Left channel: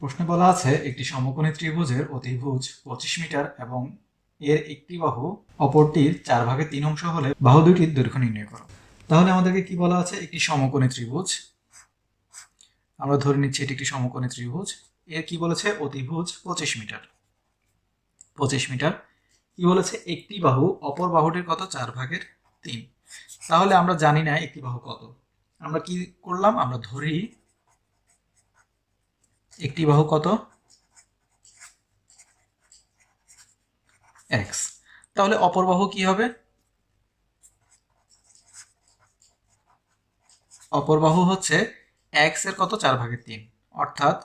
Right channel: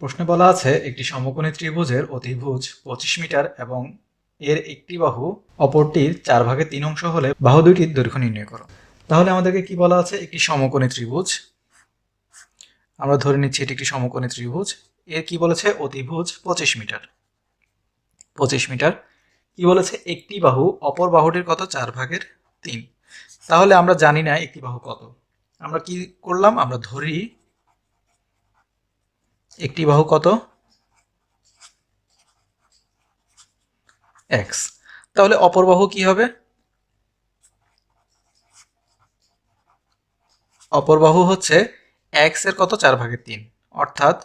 প্রশ্নে বলা আছে একটি সমকোণী ত্রিভুজের অতিভুজ 25 মিটার এবং এর একটি বাহু অপরটির 4/3 অংশ হলে বাহু দুইটির দৈর্ঘ্য নির্ণয় করো। তাহলে আমাদেরকে কি বলা আছে? একটি সমকোণী ত্রিভুজ, আমরা ধরে নিচ্ছি এটি একটি সমকোণী ত্রিভুজ। এর কি বলেছে? অতিভুজ 25 মিটার। 25 মিটার কি বলেছে? একটি বাহু অপর বাহুটির কত? 4/3। তাহলে আমরা জানি না একটি বাহু কত। আমরা কি করলাম? আমরা ধরি একটি বাহু কত? x। তাহলে অপর বাহু কি হবে? অপর বাহু হচ্ছে x এর কত? 4/3, অর্থাৎ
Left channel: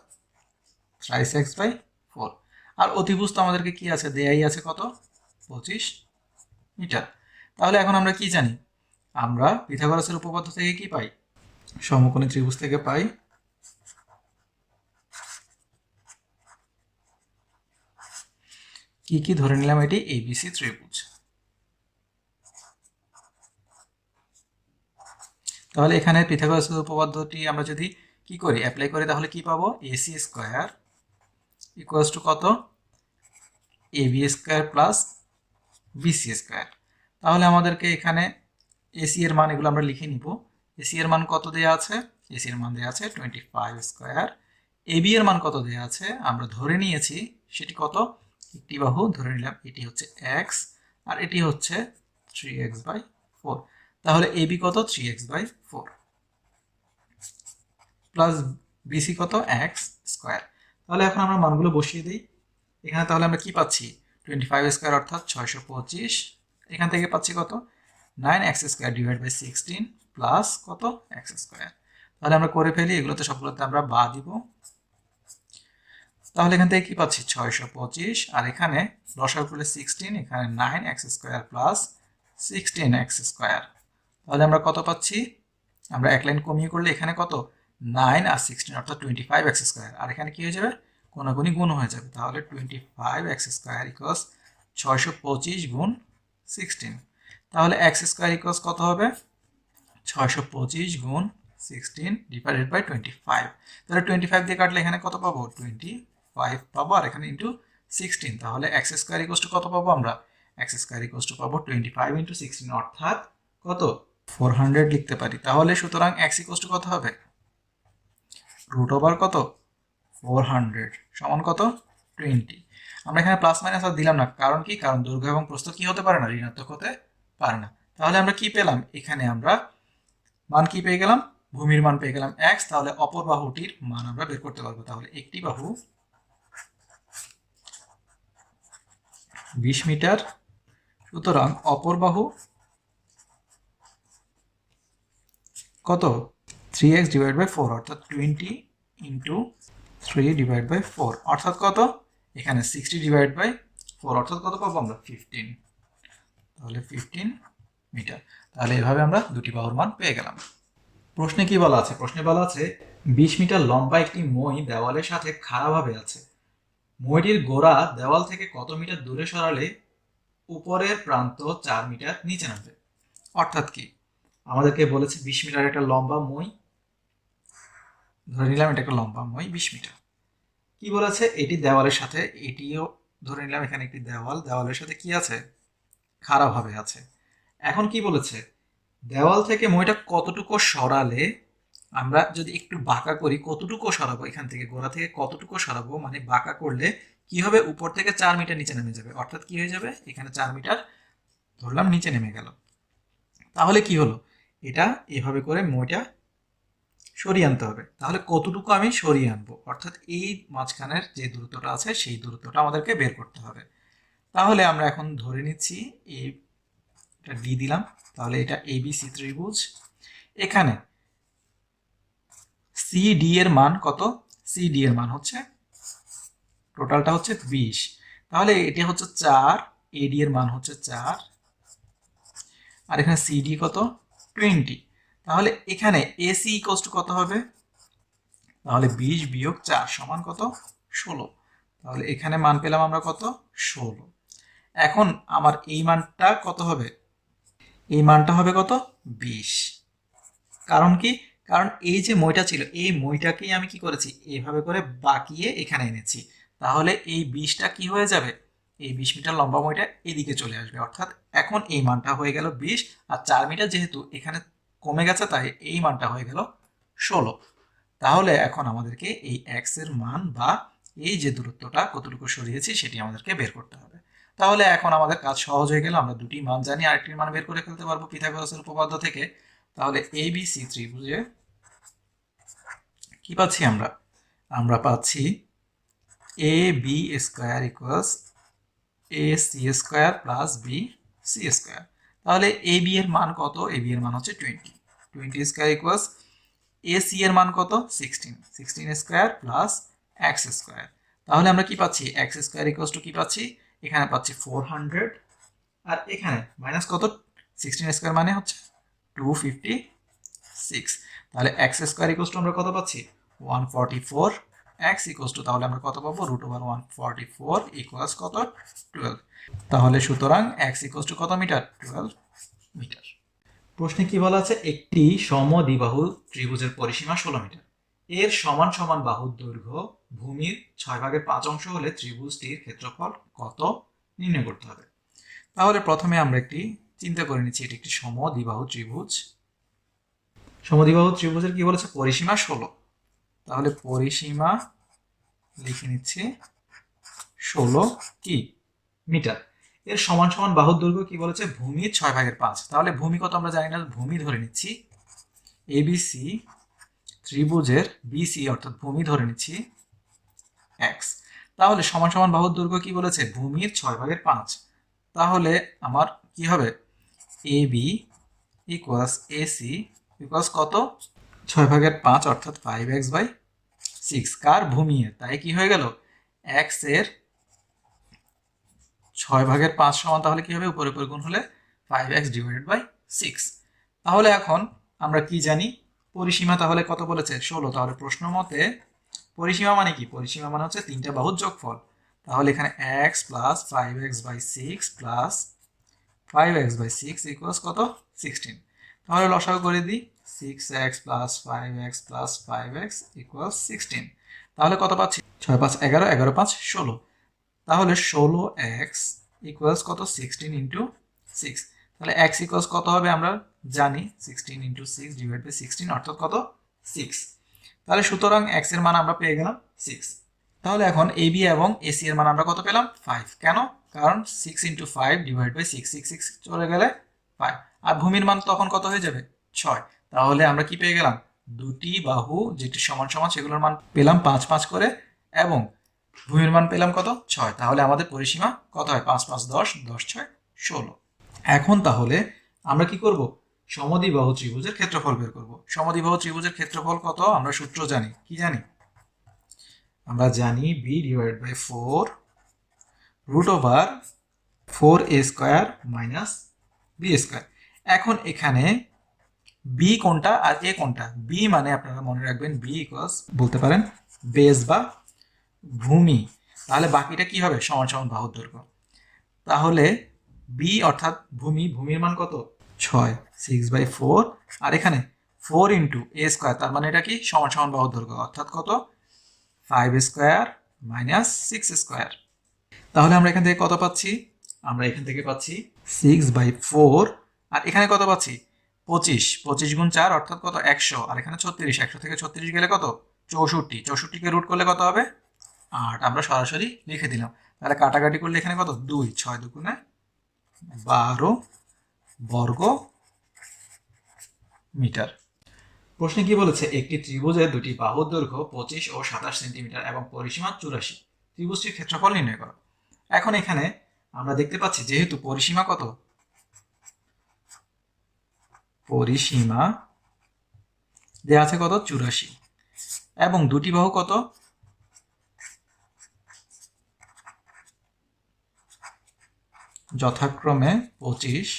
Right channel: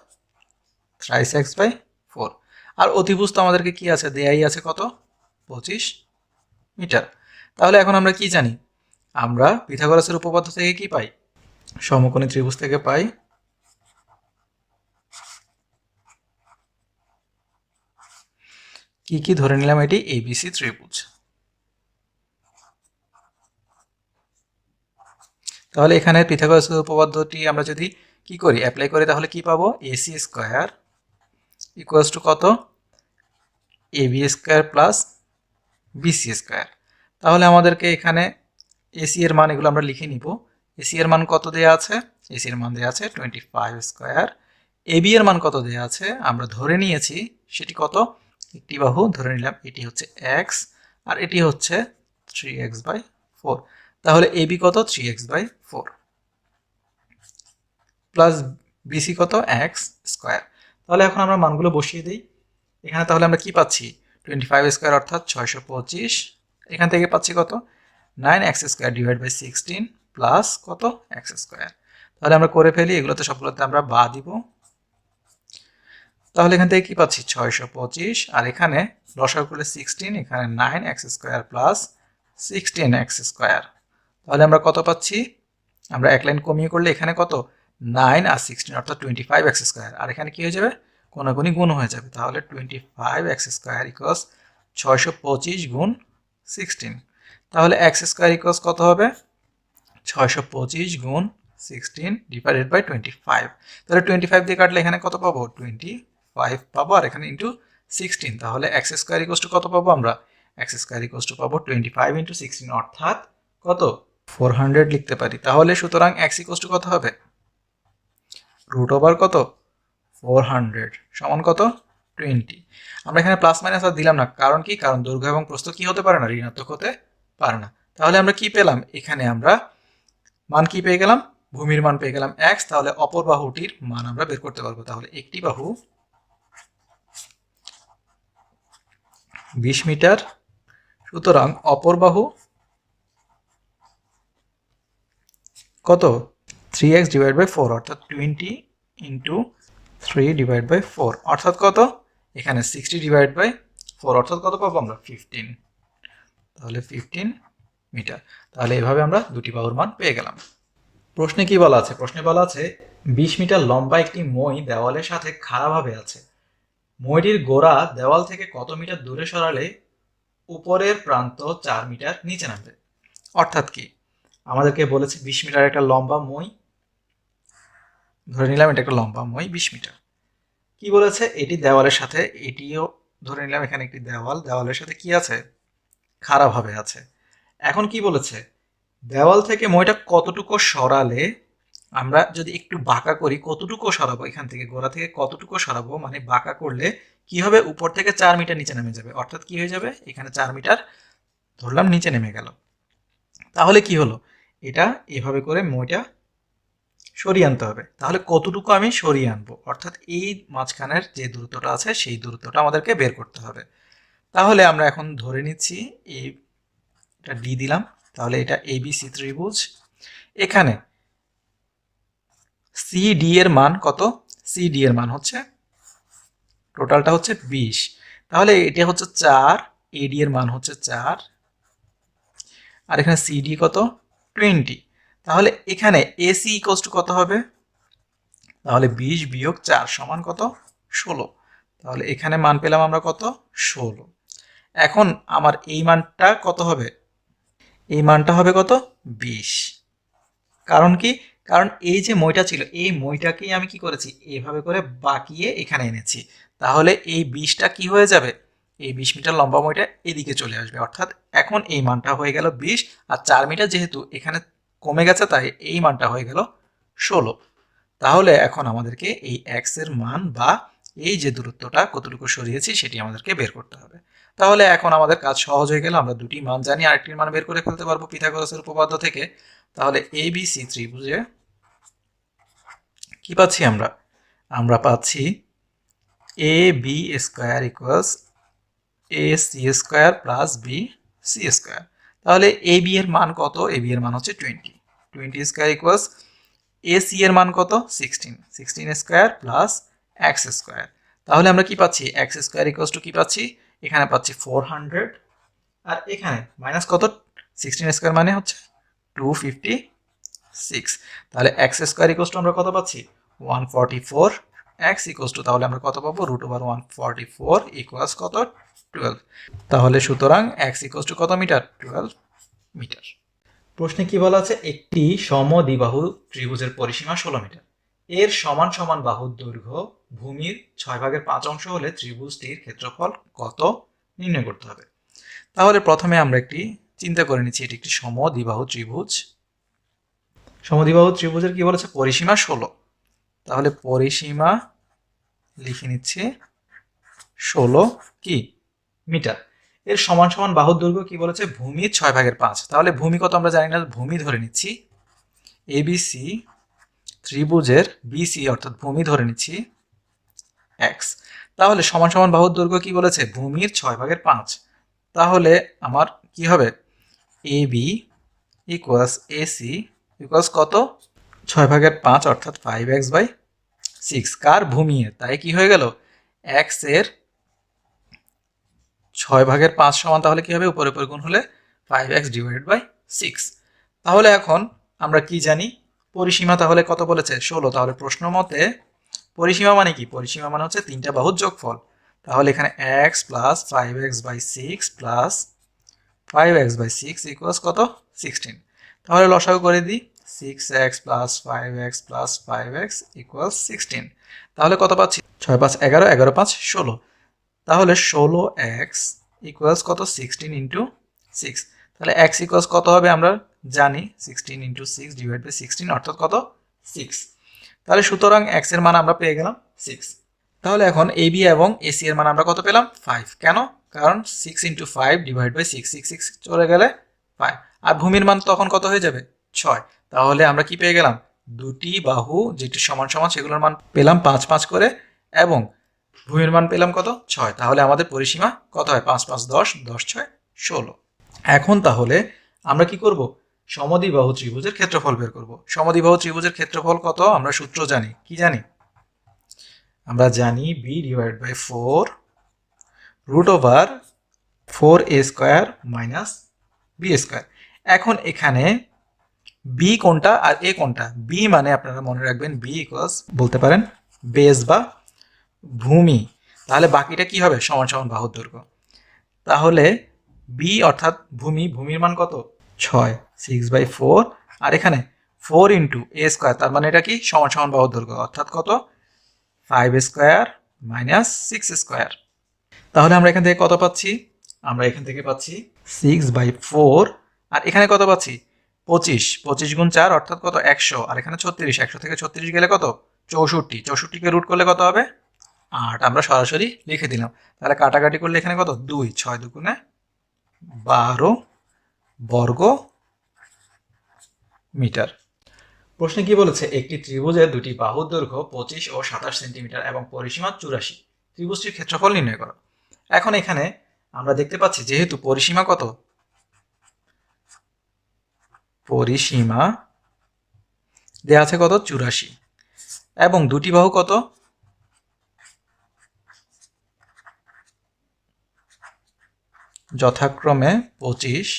থ্রাইস x/4। আর অতিভুজ তো আমাদেরকে কি আছে? দেয়াই আছে কত? 25 মিটার। তাহলে এখন আমরা কি জানি? আমরা পিথাগোরাসের উপপাদ্য থেকে কি পাই? সমকোণী ত্রিভুজ থেকে পাই কি কি? ধরে নিলাম এটি এবিসি ত্রিভুজ। তাহলে এখানে পিথাগোরাসের উপপাদ্যটি আমরা যদি কি করি? অ্যাপ্লাই করি, তাহলে কি পাবো? এসি স্কয়ার ইকুয়ালস টু কত? AB square plus BC square. তাহলে আমাদেরকে এখানে এসি এর মান এগুলো আমরা লিখে নিব। এসি এর মান কত দেয়া আছে? এসি এর মান দেয়া আছে 25 স্কয়ার। এবি এর মান কত দেয়া আছে? আমরা ধরে নিয়েছি সেটি কত? একটি বাহু ধরে নিলাম এটি হচ্ছে x আর এটি হচ্ছে 3x/4। তাহলে এবি কত? 3x/4 প্লাস বিসি কত? x square. তাহলে এখন আমরা মানগুলো বসিয়ে দিই এখানে। তাহলে আমরা কি পাচ্ছি? 25 স্কয়ার অর্থাৎ 625। এখান থেকে পাচ্ছি কত? 9x square divide by 16 plus কত? x square. তাহলে আমরা করে ফেলি, এগুলোতে সবগুলোতে আমরা বাদ দিব। তাহলে এখান থেকে কি পাচ্ছি? 625 আর এখানে লসাগু করলে 16, এখানে 9x square plus 16x square. তাহলে আমরা কত পাচ্ছি? আমরা এক লাইন কমিয়ে করলে এখানে কত? 9 আর 16 অর্থাৎ 25x স্কয়ার। আর এখানে কি হয়ে যাবে? কোনাকুনি গুণ হয়ে যাবে। তাহলে 25x স্কয়ার ইকুয়ালস 625 গুণ 16। তাহলে x স্কয়ার ইকুয়ালস কত হবে? 625 গুণ 16 ডিভাইডেড বাই 25। তাহলে 25 দিয়ে কাটলে এখানে কত পাবো? 25 পাবো, আর এখানে ইন্টু 16। তাহলে x স্কয়ার ইকুয়ালস টু কত পাবো আমরা? x স্কয়ার ইকুয়ালস টু পাবো 25 ইন্টু 16 অর্থাৎ কত? 400 লিখতে পারি। তাহলে সুতরাং x ইকুয়ালস টু কত হবে? রুট ওভার কত? 400 সমান কত? 20। আমরা এখানে প্লাস মাইনাস আর দিলাম না, কারণ কি? কারণ দৈর্ঘ্য এবং প্রস্থ কি হতে পারে না? ঋণাত্মক হতে পারে না। তাহলে আমরা কি পেলাম? এখানে আমরা মান কি পেয়ে গেলাম? ভূমির মান পেয়ে গেলাম x। তাহলে অপর বাহুটির মান আমরা বের করতে পারবো। তাহলে একটি বাহু 20 মিটার, সুতরাং অপর বাহু কত? 3x ডিভাইড বাই 4 অর্থাৎ 20 ইন্টু 3 ডিভাইড বাই 4 অর্থাৎ কত? এখানে 60 ডিভাইড বাই 4 অর্থাৎ কত পাবো আমরা? 15। তাহলে 15 মিটার। তাহলে এভাবে আমরা দুটি বাহুর মান পেয়ে গেলাম। প্রশ্নে কি বলা আছে? প্রশ্নে বলা আছে 20 মিটার লম্বা একটি মই দেওয়ালের সাথে খাড়াভাবে আছে। মইটির গোড়া দেওয়াল থেকে কত মিটার দূরে সরালে উপরের প্রান্ত 4 মিটার নিচে নামবে? অর্থাৎ কি? আমাদেরকে বলেছে 20 মিটার একটা লম্বা মই, ধরে নিলাম এটা একটা লম্বা মই 20 মিটার। কি বলেছে? এটি দেওয়ালের সাথে, এটিও ধরে নিলাম এখানে একটি দেওয়াল, দেওয়ালের সাথে কি আছে? খাড়াভাবে আছে। এখন কি বলেছে? দেওয়াল থেকে মইটা কতটুকু সরালে, আমরা যদি একটু বাঁকা করি, কতটুকু সরাবো এখান থেকে, গোড়া থেকে কতটুকু সরাবো, মানে বাঁকা করলে কি হবে? উপর থেকে 4 মিটার নিচে নেমে যাবে। অর্থাৎ কি হয়ে যাবে? এখানে 4 মিটার ধরলাম নিচে নেমে গেল। তাহলে কি হলো? এটা এভাবে করে মইটা সরিয়ে আনতে হবে। তাহলে কতটুকু আমি সরিয়ে আনবো? অর্থাৎ এই মাঝখানের যে দূরত্বটা আছে সেই দূরত্বটা আমাদেরকে বের করতে হবে। তাহলে আমরা এখন ধরে নিচ্ছি এটা ডি দিলাম। তাহলে এটা এবিসি ত্রিভুজ। এখানে সিডি এর মান কত? সিডি এর মান হচ্ছে, টোটালটা হচ্ছে 20। তাহলে এটা হচ্ছে 4, এডি এর মান হচ্ছে 4, আর এখানে সিডি কত? 20। তাহলে এখানে এসি ইকুয়ালস টু কত হবে? তাহলে 20 বিয়োগ 4 সমান কত? 16। তাহলে এখানে মান পেলাম আমরা কত? 16। এখন আমার এই মানটা কত হবে? এই মানটা হবে কত? 20। কারণ কি? কারণ এই যে মইটা ছিল এই মইটাকেই আমি কি করেছি এভাবে করে বাঁকিয়ে এখানে এনেছি, তাহলে এই 20টা কি হয়ে যাবে, এই 20 মিটার লম্বা মইটা এদিকে চলে আসবে, অর্থাৎ এখন এই মানটা হয়ে গেল 20, আর 4 মিটার যেহেতু এখানে কমে গেছে তাই এই মানটা হয়ে গেল 16। তাহলে এখন আমাদেরকে এই এক্স এর মান বা এই যে দূরত্বটা কতটুকু সরিয়েছি সেটি আমাদেরকে বের করতে হবে। তাহলে এখন আমাদের কাজ সহজ হয়ে গেল, আমরা দুটি মান জানি, আরেকটির মান বের করে ফেলতে পারবো পিথাগোরাসের উপপাদ্য থেকে। তাহলে এবিসি ত্রিভুজে কি পাচ্ছি আমরা, আমরা পাচ্ছি A B square equals A C square plus B C square. তাহলে এ বি এর মান কত, এ বি এর মান হচ্ছে 20 স্কোয়ার ইকুয়ালস এ সি এর মান কত 16 স্কোয়ার প্লাস এক্স স্কোয়ার। তাহলে আমরা কি পাচ্ছি, এক্স স্কোয়ার ইকুয়ালস টু কি পাচ্ছি, এখানে পাচ্ছি 400, আর এখানে মাইনাস কত 16 স্কোয়ার মানে হচ্ছে 256। তাহলে এক্স স্কোয়ার ইকুয়ালস টু আমরা কত পাচ্ছি 144, এক্স ইকুয়ালস টু তাহলে আমরা কত পাবো √144 ইকুয়ালস কত 12। তাহলে সুতরাং এক্স ইকুয়ালস টু কত মিটার 12 মিটার। প্রশ্নে কি বলা আছে, একটি সমদ্বিবাহু ত্রিভুজের পরিসীমা 16 মিটার, এর সমান সমান বাহুর দৈর্ঘ্য ভূমির 6/5 অংশ হলে ত্রিভুজটির ক্ষেত্রফল কত নির্ণয় করতে হবে। তাহলে প্রথমে আমরা একটি চিন্তা করে নিচ্ছি, এটি একটি সমদ্বিবাহু ত্রিভুজ। সমদ্বিবাহু ত্রিভুজের কি বলেছে পরিসীমা 16, তাহলে পরিসীমা লিখে নিচ্ছি 16 কি মিটার, এর সমান সমান বাহুর দৈর্ঘ্য কি বলেছে ভূমির 6/5। তাহলে ভূমি কত আমরা জানি না, ভূমি ধরে নিচ্ছি এবিসি ত্রিভুজের বিসি অর্থাৎ ভূমি ধরে নিচ্ছি এক্স। তাহলে সমান সমান বাহুর দৈর্ঘ্য কি বলেছে ভূমির 6/5। তাহলে আমার কি হবে A B equals AC equals কত 6/5 অর্থাৎ 5x/6, কার ভূমি এর, তাই কি হয়ে গেল এক্স এর 6/5 সমান, তাহলে কি হবে উপরে উপরে গুণ হলে 5x/6। তাহলে এখন আমরা কি জানি পরিসীমা তাহলে কত বলেছে 16, তাহলে প্রশ্ন মতে পরিসীমা মানে কি, পরিসীমা মানে হচ্ছে তিনটা বাহুর যোগফল। তাহলে এখানে x plus 5x/6 plus 5x/6 equals কত 16। তাহলে লসাগু করে দিই 6x plus 5x plus 5x equals 16। তাহলে কত পাচ্ছি 6 5 11, 11 5 16। তাহলে 16x ইকুয়ালস কত 16 ইন্টু 6। তাহলে x ইকুয়ালস কত হবে আমরা জানি 16 ইন্টু 6 ডিভাইড বাই 16 অর্থাৎ কত 6। তাহলে সুতরাং x এর মান আমরা পেয়ে গেলাম 6। তাহলে এখন AB এবং AC এর মান আমরা কত পেলাম 5, কেন, কারণ 6 ইন্টু 5 ডিভাইড বাই 6, 6 6 চলে গেলে 5, আর ভূমির মান তখন কত হয়ে যাবে 6। তাহলে আমরা কি পেয়ে গেলাম দুটি বাহু যেটি সমান সমান সেগুলোর মান পেলাম 5 5 করে, এবং ভূমির মান পেলাম কত 6। তাহলে আমাদের পরিসীমা কত হয় 5 5 10, 10 6 16। এখন তাহলে আমরা কি করব সমদ্বিবাহু ত্রিভুজের ক্ষেত্রফল বের করব। সমদ্বিবাহু ত্রিভুজের ক্ষেত্রফল কত আমরা সূত্র জানি, কি জানি আমরা জানি b/4 √4a² minus b square. এখন এখানে বি কোনটা আর এ কোনটা, বি মানে আপনারা মনে রাখবেন বি ইকুয়ালস বলতে পারেন বেস বা ভূমি, তাহলে বাকিটা কি হবে সমান সমান বাহুর দৈর্ঘ্য। তাহলে বি অর্থাৎ ভূমি, ভূমির মান কত 6, 6/4, আর এখানে 4 ইন্টু এ স্কোয়ার, তার মানে এটা কি সমান সমান বাহুর দৈর্ঘ্য অর্থাৎ কত 5² মাইনাস 6 স্কোয়ার। তাহলে আমরা এখান থেকে কত পাচ্ছি, আমরা এখান থেকে পাচ্ছি 6/4, আর এখানে কত পাচ্ছি 25, 25 গুণ 4 অর্থাৎ কত 100, আর এখানে 36, 100 থেকে 36 গেলে কত 64, 64কে রুট করলে কত হবে 8, আমরা সরাসরি লিখে দিলাম। তাহলে কাটাকাটি করলে এখানে কত 2, 6 দুগুণে 12 বর্গ মিটার। প্রশ্নে কি বলেছে একটি ত্রিভুজের দুটি বাহুর দৈর্ঘ্য 25 ও 27 সেন্টিমিটার এবং পরিসীমা 84, ত্রিভুজটির ক্ষেত্রফল নির্ণয় করো। এখন এখানে আমরা দেখতে পাচ্ছি যেহেতু পরিসীমা কত, পরিসীমা দেয়া আছে কত 84, এবং দুটি বাহু কত যথাক্রমে 25,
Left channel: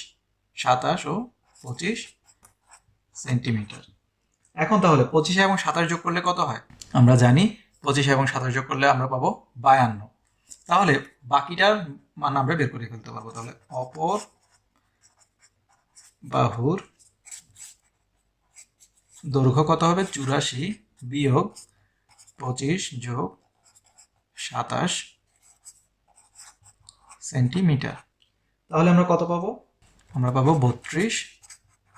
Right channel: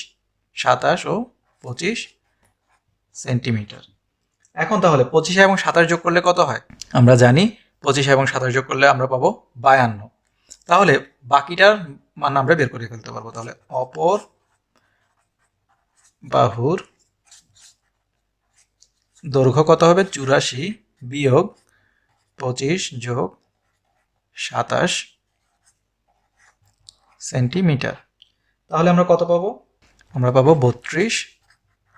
27 ও 25 সেন্টিমিটার। এখন তাহলে 25 এবং 27 যোগ করলে কত হয়, আমরা জানি 25 এবং 27 যোগ করলে আমরা পাবো 52। তাহলে বাকিটার মান আমরা বের করে ফেলতে পারবো। তাহলে অপর বাহুর দৈর্ঘ্য কত হবে 84 বিয়োগ 25 যোগ 27 সেন্টিমিটার। তাহলে আমরা কত পাবো? আমরা পাবো 32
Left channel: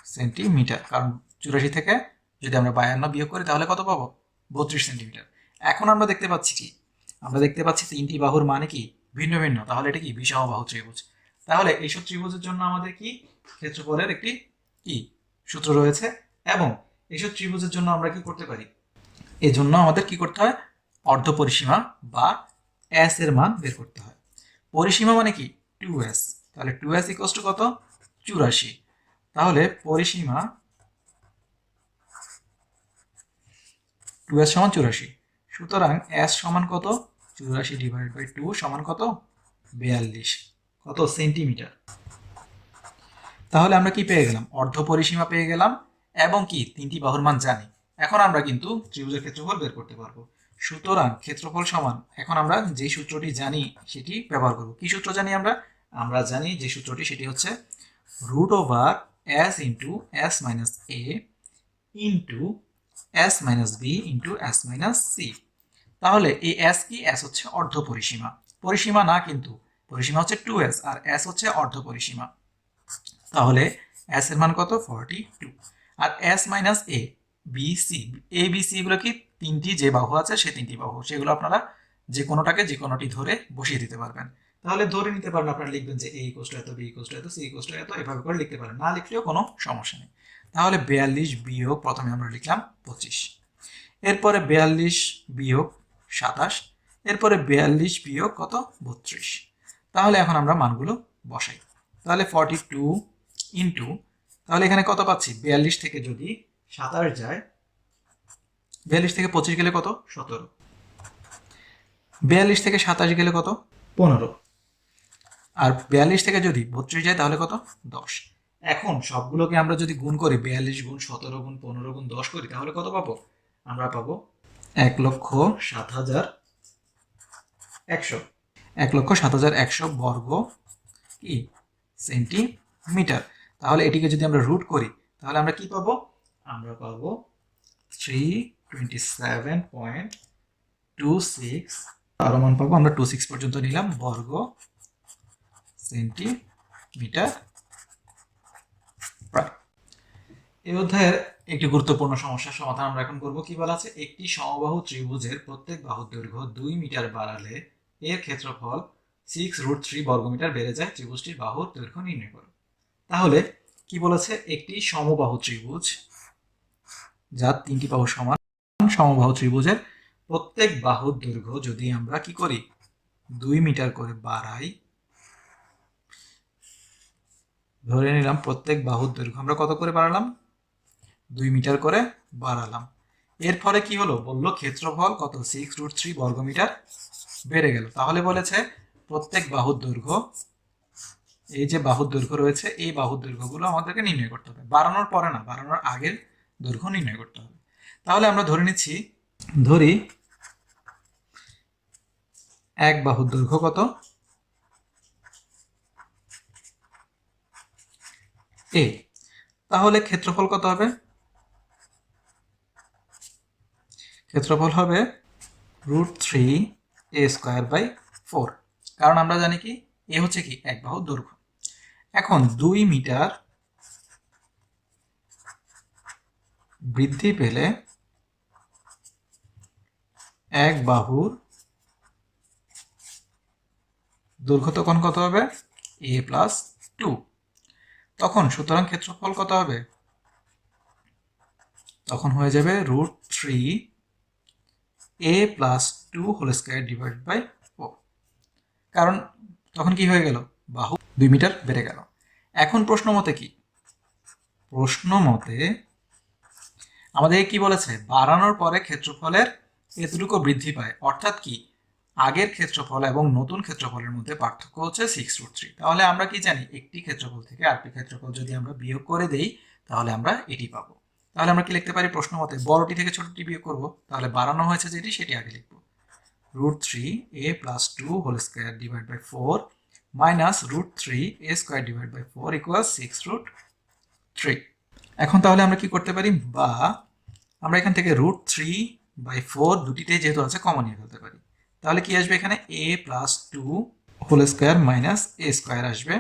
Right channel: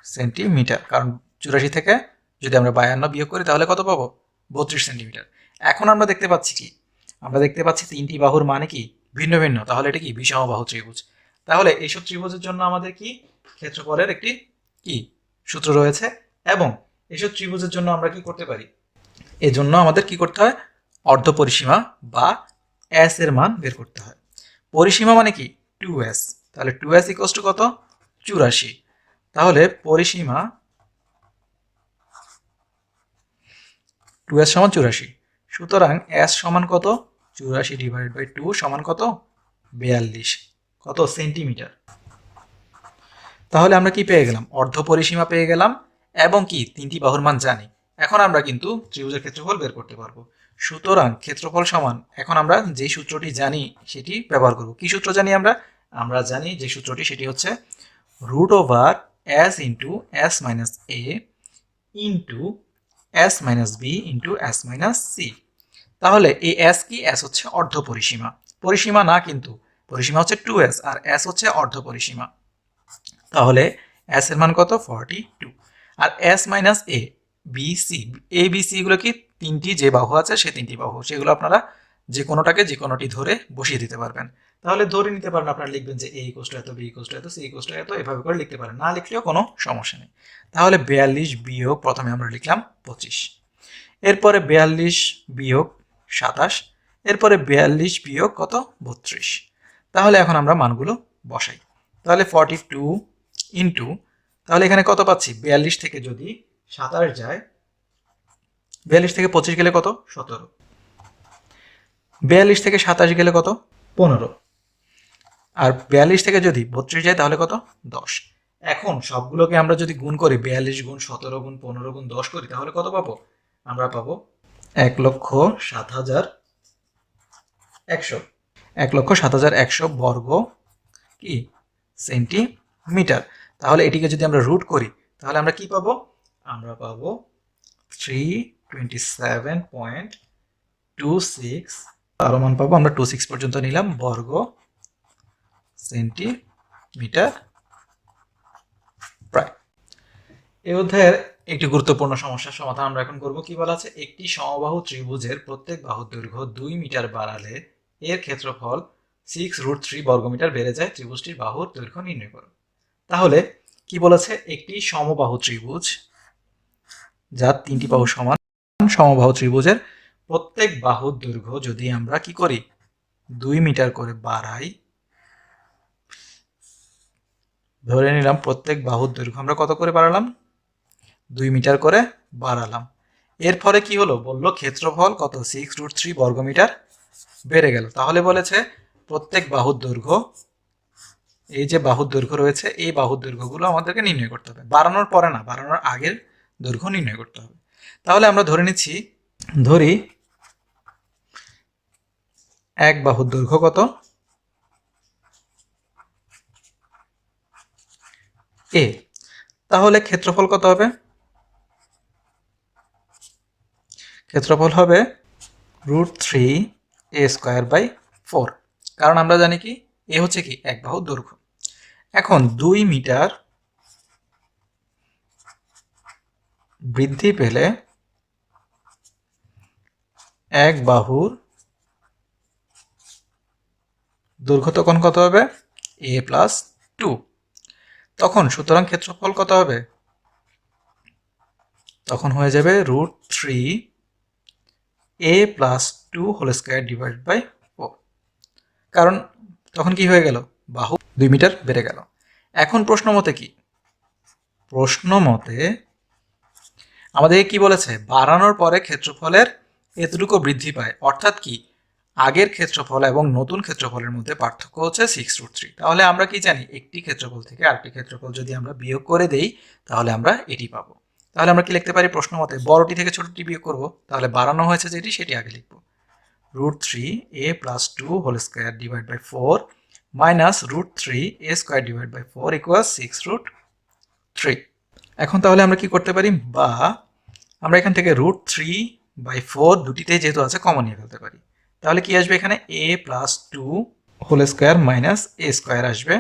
সেন্টিমিটার, কারণ 84 থেকে যদি আমরা 52 বিয়োগ করি তাহলে কত পাবো? 32 সেন্টিমিটার। এখন আমরা দেখতে পাচ্ছি কি? আমরা দেখতে পাচ্ছি তিনটি বাহুর মানে কি ভিন্ন ভিন্ন, তাহলে এটা কি বিষমবাহু ত্রিভুজ। তাহলে এইসব ত্রিভুজের জন্য আমাদের কি ক্ষেত্রফলের একটি কি সূত্র রয়েছে, এবং এইসব ত্রিভুজের জন্য আমরা কি করতে পারি? এই জন্য আমাদের কি করতে হয়? অর্ধ পরিসীমা বা এস এর মান বের করতে হয়। পরিসীমা মানে কি 2s, তাহলে 2s ইকুয়ালস টু কত? 84। তাহলে পরিসীমা 2s সমান 84, সুতরাং s সমান কত? 84 ডিভাইড বাই 2 সমান কত? 42 কত সেন্টিমিটার। তাহলে আমরা কি পেয়ে গেলাম? অর্ধ পরিসীমা পেয়ে গেলাম, এবং কি তিনটি বাহুর মান জানি। এখন আমরা কিন্তু ত্রিভুজের ক্ষেত্রফল বের করতে পারবো। সুতরাং ক্ষেত্রফল সমান, এখন আমরা যে সূত্রটি জানি সেটি ব্যবহার করব। কি সূত্র জানি আমরা? আমরা জানি যে সূত্রটি, সেটি হচ্ছে root over S into S minus A into S minus B into S minus C. তাহলে এই এস কি? এস হচ্ছে অর্ধ পরিসীমা, পরিসীমা না কিন্তু, পরিসীমা হচ্ছে 2s আর এস হচ্ছে অর্ধ পরিসীমা। তাহলে এস এর মান কত? 42। আর S minus A B C, A B C এগুলো কি তিনটি যে বাহু আছে সে তিনটি বাহু, সেগুলো আপনারা যে কোনোটাকে যে কোনোটি ধরে বসিয়ে দিতে পারবেন। তাহলে ধরে নিতে পারেন, আপনারা লিখবেন যে এ ইকুয়াল টু এত, বি ইকুয়াল টু এত, সি ইকুয়াল টু এত, এভাবে করে লিখতে পারেন, না লিখলেও কোনো সমস্যা নেই। তাহলে 42 বিয়োগ, প্রথমে আমরা লিখলাম 25, এরপরে 42 বিয়োগ 27, এরপরে 42 বিয়োগ কত? 32। তাহলে এখন আমরা মানগুলো বসাই। তাহলে 42 ইন্টু, তাহলে এখানে কত পাচ্ছি? 42 থেকে যদি 27 যায়, 42 থেকে 25 গেলে কত? 17। 42 থেকে 27 গেলে কত? 15। আর 42 থেকে যদি 32 যায় তাহলে কত? 10। এখন সবগুলোকে আমরা যদি গুণ করি, 42 গুণ 17 গুণ 15 গুণ 10 করি, তাহলে কত পাবো? আমরা পাবো 1,07,100, 1,07,100 বর্গ কি সেন্টিমিটার। তাহলে এটিকে যদি আমরা রুট করি তাহলে আমরা কি পাবো? আমরা পাবো 327.26, আরো মান পাবো, আমরা 26 পর্যন্ত নিলাম, বর্গ সেন্টিমিটার প্রায়। এই অধ্যায়ের একটি গুরুত্বপূর্ণ সমস্যার সমাধান আমরা এখন করব। কি বলা আছে? একটি সমবাহু ত্রিভুজের প্রত্যেক বাহুর দৈর্ঘ্য 2 মিটার বাড়ালে এর ক্ষেত্রফল 6√3 বর্গমিটার বেড়ে যায়, ত্রিভুজটির বাহুর দৈর্ঘ্য নির্ণয় করো। তাহলে কি বলেছে? একটি সমবাহু ত্রিভুজ যার তিনটি বাহু সমান, সমবাহু ত্রিভুজের প্রত্যেক বাহুর দৈর্ঘ্য যদি আমরা কি করি 2 মিটার করে বাড়াই, ধরে নিলাম প্রত্যেক বাহুর দৈর্ঘ্য আমরা কত করে বাড়ালাম? 2 মিটার করে বাড়ালাম। এরপরে কি হলো? বললো ক্ষেত্রফল কত? 6√3 বর্গমিটার বেড়ে গেল। তাহলে বলেছে প্রত্যেক বাহুর দৈর্ঘ্য, এই যে বাহুর দৈর্ঘ্য রয়েছে এই বাহুর দৈর্ঘ্যগুলো আমাদেরকে নির্ণয় করতে হবে, বাড়ানোর পরে না, বাড়ানোর আগের দৈর্ঘ্য নির্ণয় করতে হবে। তাহলে আমরা ধরে নিচ্ছি, ধরি এক বাহুর দৈর্ঘ্য কত? এ। তাহলে ক্ষেত্রফল কত হবে? ক্ষেত্রফল হবে √3a²/4, কারণ আমরা জানি কি এ হচ্ছে কি এক বাহুর দৈর্ঘ্য। এখন 2 মিটার বৃদ্ধি পেলে এক বাহুর দৈর্ঘ্য তখন কত হবে? a+2। তখন সুতরাং ক্ষেত্রফল কত হবে? তখন হয়ে যাবে √3a+2² কারণ তখন কি হয়ে গেল? বাহু 2 মিটার বেড়ে গেল। এখন প্রশ্ন মতে কি? প্রশ্ন মতে আমাদের কি বলেছে? বাড়ানোর পরে ক্ষেত্রফলের এতটুকু বৃদ্ধি পায়, অর্থাৎ কি আগের ক্ষেত্রফল এবং নতুন ক্ষেত্রফলের মধ্যে পার্থক্য হচ্ছে 6√3। তাহলে আমরা কি জানি? একটি ক্ষেত্রফল থেকে আরেকটি ক্ষেত্রফল যদি আমরা বিয়োগ করে দেই তাহলে আমরা এটি পাবো। তাহলে আমরা কি লিখতে পারি? প্রশ্ন মতে বড়টি থেকে ছোটটি বিয়োগ করব, তাহলে বাড়ানো হয়েছে যেটি সেটি আগে লিখব। √3a+2² minus √3a²/4 = 6√3। এখন তাহলে আমরা কি করতে পারি? বা আমরা এখান থেকে √3/4 দুটিতেই যেহেতু আছে কমন নিয়ে ফেলতে পারি। তাহলে কি আসবে এখানে a+2 whole square minus a square আসবে,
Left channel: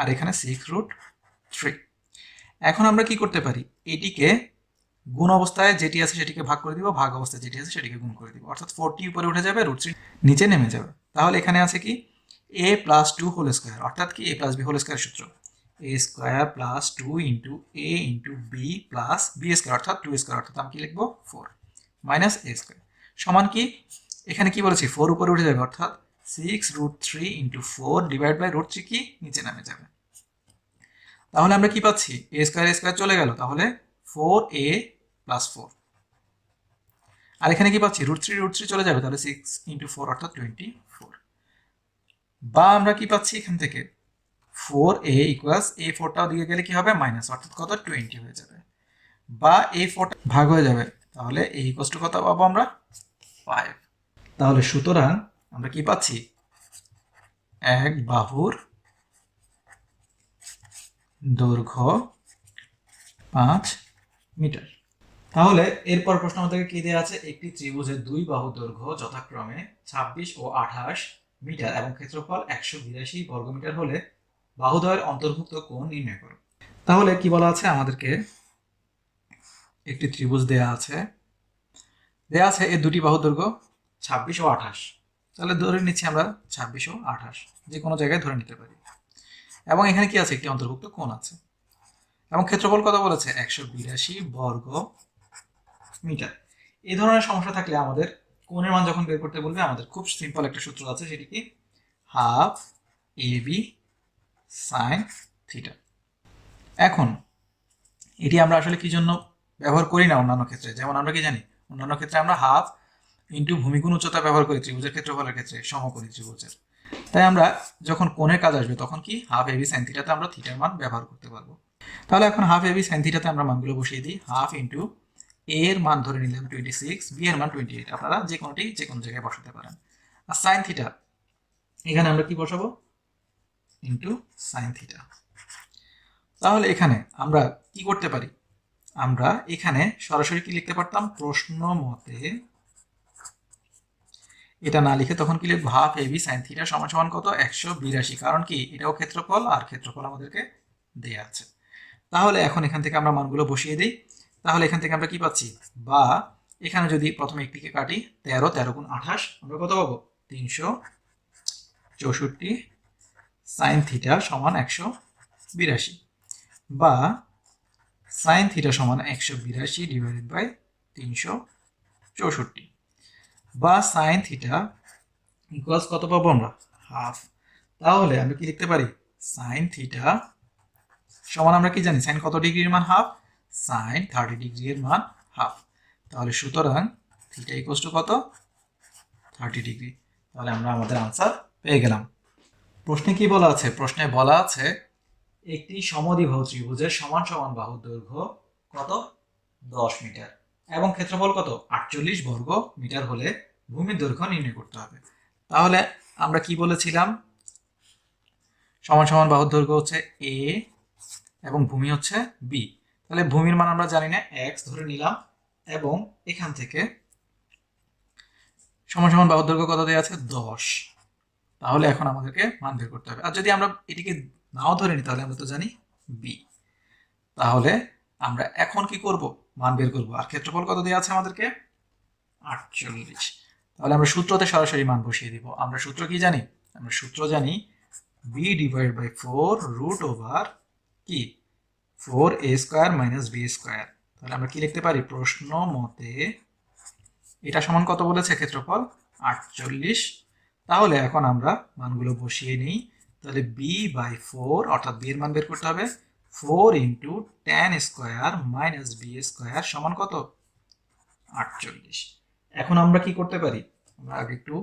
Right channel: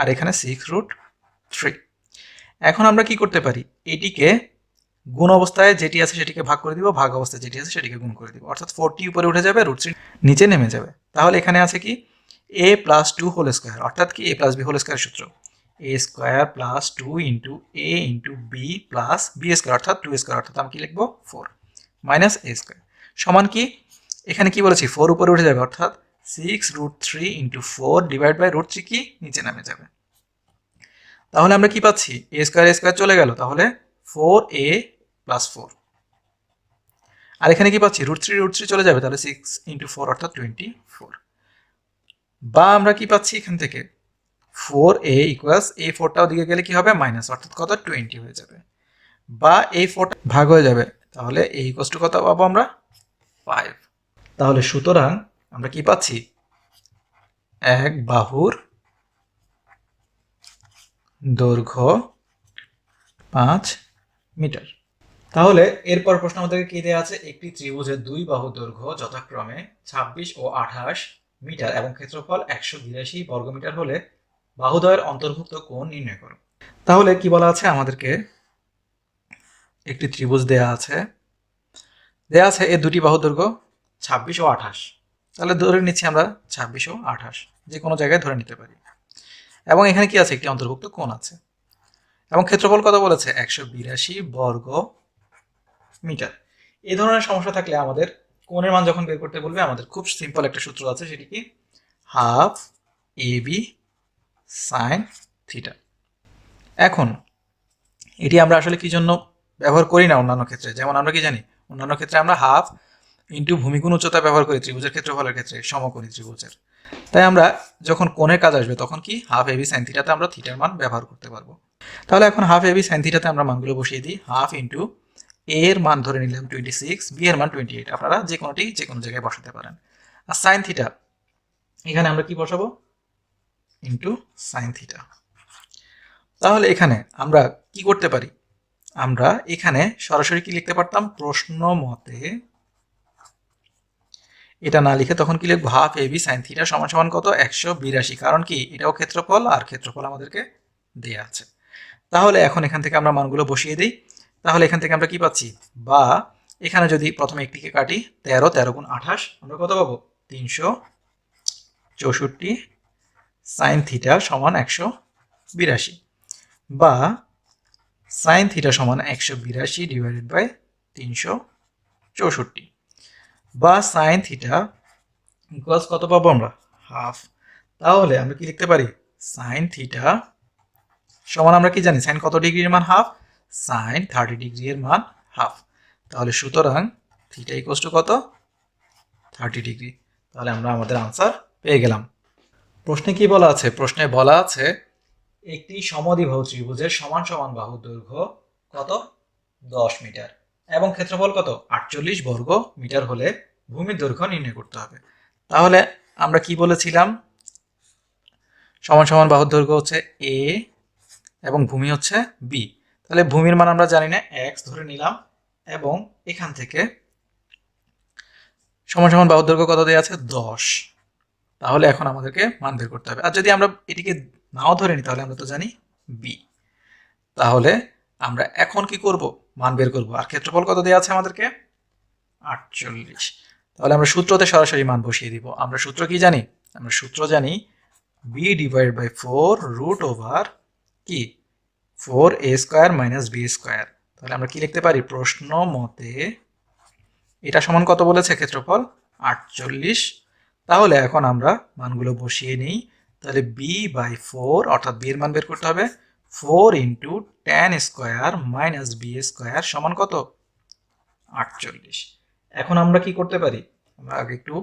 আর এখানে 6√3। এখন আমরা কি করতে পারি, এটিকে গুণ অবস্থায় যেটি আছে সেটিকে ভাগ করে দিব, ভাগ অবস্থায় যেটি আছে সেটিকে গুণ করে দিব, অর্থাৎ 4টি উপরে উঠে যাবে, √3 নিচে নেমে যাবে। তাহলে এখানে আছে কি a+2 হোল স্কোয়ার, অর্থাৎ কি a+b হোল স্কোয়ার সূত্র a square plus 2 into a into b plus b square, অর্থাৎ 2 স্কোয়ার, অর্থাৎ আমি কি লিখবো 4 মাইনাস a স্কোয়ার সমান কি এখানে কি বলেছি 4 উপরে উঠে যাবে, অর্থাৎ 6√3 ইন্টু 4 ডিভাইড বাই √3 কি নিচে নামে যাবে। তাহলে আমরা কি পাচ্ছি a স্কোয়ার চলে গেল, তাহলে 4a+4, আর এখানে কি পাচ্ছি √3 চলে যাবে, তাহলে 6 ইন্টু 4 অর্থাৎ 24। বা আমরা কি পাচ্ছি এখান থেকে 4a ইকুয়ালস এই 4টাও দিকে গেলে কি হবে মাইনাস, অর্থাৎ কত 20 হয়ে যাবে, বা এই 4টা ভাগ হয়ে যাবে, তাহলে a ইকুয়ালস টু কত পাবো আমরা 5। তাহলে সুতরাং আমরা কি পাচ্ছি এক বাহুর দৈর্ঘ্য 5 মিটার। তাহলে এরপর প্রশ্ন আমাদেরকে কি দেওয়া আছে, একটি ত্রিভুজের দুই বাহু দৈর্ঘ্য যথাক্রমে 26 ও 28 মিটার এবং ক্ষেত্রফল 182 বর্গমিটার হলে বাহুদ্বয়ের অন্তর্ভুক্ত কোণ নির্ণয় করো। তাহলে কি বলা আছে, আমাদেরকে একটি ত্রিভুজ দেয়া আছে এর দুটি বাহু দৈর্ঘ্য 26 ও 28। তাহলে ধরে নিচ্ছি আমরা 26 ও 28, যে কোনো জায়গায় ধরে নিতে পারি, এবং এখানে কি আছে একটি অন্তর্ভুক্ত কোণ আছে, এবং ক্ষেত্রফল কত বলেছে 182 বর্গ মিটার। এই ধরনের সমস্যা থাকলে আমাদের কোণের মান যখন বের করতে বলবে, আমাদের খুব সিম্পল একটা সূত্র আছে, সেটি কি হাফ ab sin থিটা। এখন এটি আমরা আসলে কি জন্য ব্যবহার করি না অন্যান্য ক্ষেত্রে, যেমন আমরা কি জানি অন্যান্য ক্ষেত্রে আমরা হাফ ইন্টু ভূমিগুণ উচ্চতা ব্যবহার করি ত্রিভুজের ক্ষেত্রফলের ক্ষেত্রে, সমকোণী ত্রিভুজের। তাই আমরা যখন কোণের কাজ আসবে তখন কি হাফ ab sin থিটাতে আমরা থিটার মান ব্যবহার করতে পারবো। তাহলে এখন হাফ ab sin থিটাতে আমরা মানগুলো বসিয়ে দিই। হাফ ইন্টু a এর মান ধরে নিলাম 26, b এর মান 28, আপনারা যে কোনোটি যে কোনো জায়গায় বসাতে পারেন। আর সাইন থিটা এখানে আমরা কি বসাবো ইন্টু সাইন থিটা। তাহলে এখানে আমরা কি করতে পারি, আমরা এখানে সরাসরি কি লিখতে পারতাম, প্রশ্ন মতে এটা না লিখে তখন কি লিখবো হাফ ab sin থিটা সমান সমান কত 182, কারণ কি এটাও ক্ষেত্রফল, আর ক্ষেত্রফল আমাদেরকে দেয়া আছে। তাহলে এখন এখান থেকে আমরা মানগুলো বসিয়ে দিই। তাহলে এখান থেকে আমরা কি পাচ্ছি, বা এখানে যদি প্রথমে একটিকে কাটি 13 গুণ 28 আমরা কত পাবো 364 সাইন থিটা সমান 182, বা সাইন থিটা সমান 182 ডিভাইডেড বাই 364, বা সাইন থিটা ইকুয়ালস কত পাবো আমরা হাফ। তাহলে আমরা কি লিখতে পারি সাইন থিটা সমান, আমরা কি জানি সাইন কত ডিগ্রির মান হাফ, সাইন 30 ডিগ্রি এর মান হাফ। তাহলে সুতরাং থিটা ইকুয়ালস টু কত 30 ডিগ্রি। তাহলে আমরা আমাদের আনসার পেয়ে গেলাম। প্রশ্নে কি বলা আছে, প্রশ্নে বলা আছে একটি সমদ্বিবাহু ত্রিভুজের সমান সমান বাহু দৈর্ঘ্য কত 10 মিটার এবং ক্ষেত্রফল কত 48 বর্গ মিটার হলে ভূমির দৈর্ঘ্য নির্ণয় করতে হবে। তাহলে আমরা কি বলেছিলাম, সমান সমান বাহুর দৈর্ঘ্য হচ্ছে a এবং ভূমি হচ্ছে b। তাহলে ভূমির মান আমরা জানি না, x ধরে নিলাম, এবং এখান থেকে সমান সমান বাহুর দৈর্ঘ্য কত দেওয়া আছে 10। তাহলে এখন আমাদেরকে মান বের করতে হবে, আর যদি আমরা এটিকে নাও ধরে নিই তাহলে আমরা তো জানি b। তাহলে আমরা এখন কি করব, মান বের করব, আর ক্ষেত্রফল কত দেওয়া আছে আমাদেরকে 48। তাহলে আমরা সূত্রতে সরাসরি মান বসিয়ে দিব। আমরা সূত্র কি জানি, আমরা সূত্র জানি b divide by 4 root over কি 4a square minus b square. তাহলে আমরা কি লিখতে পারি, প্রশ্ন মতে এটা সমান কত বলেছে ক্ষেত্রফল 48। তাহলে এখন আমরা মানগুলো বসিয়ে নিই। তাহলে b বাই 4 অর্থাৎ b এর মান বের করতে হবে 4 into tan square minus b square সমান কত 48। এখন আমরা কি করতে পারি, আমরা আগে একটু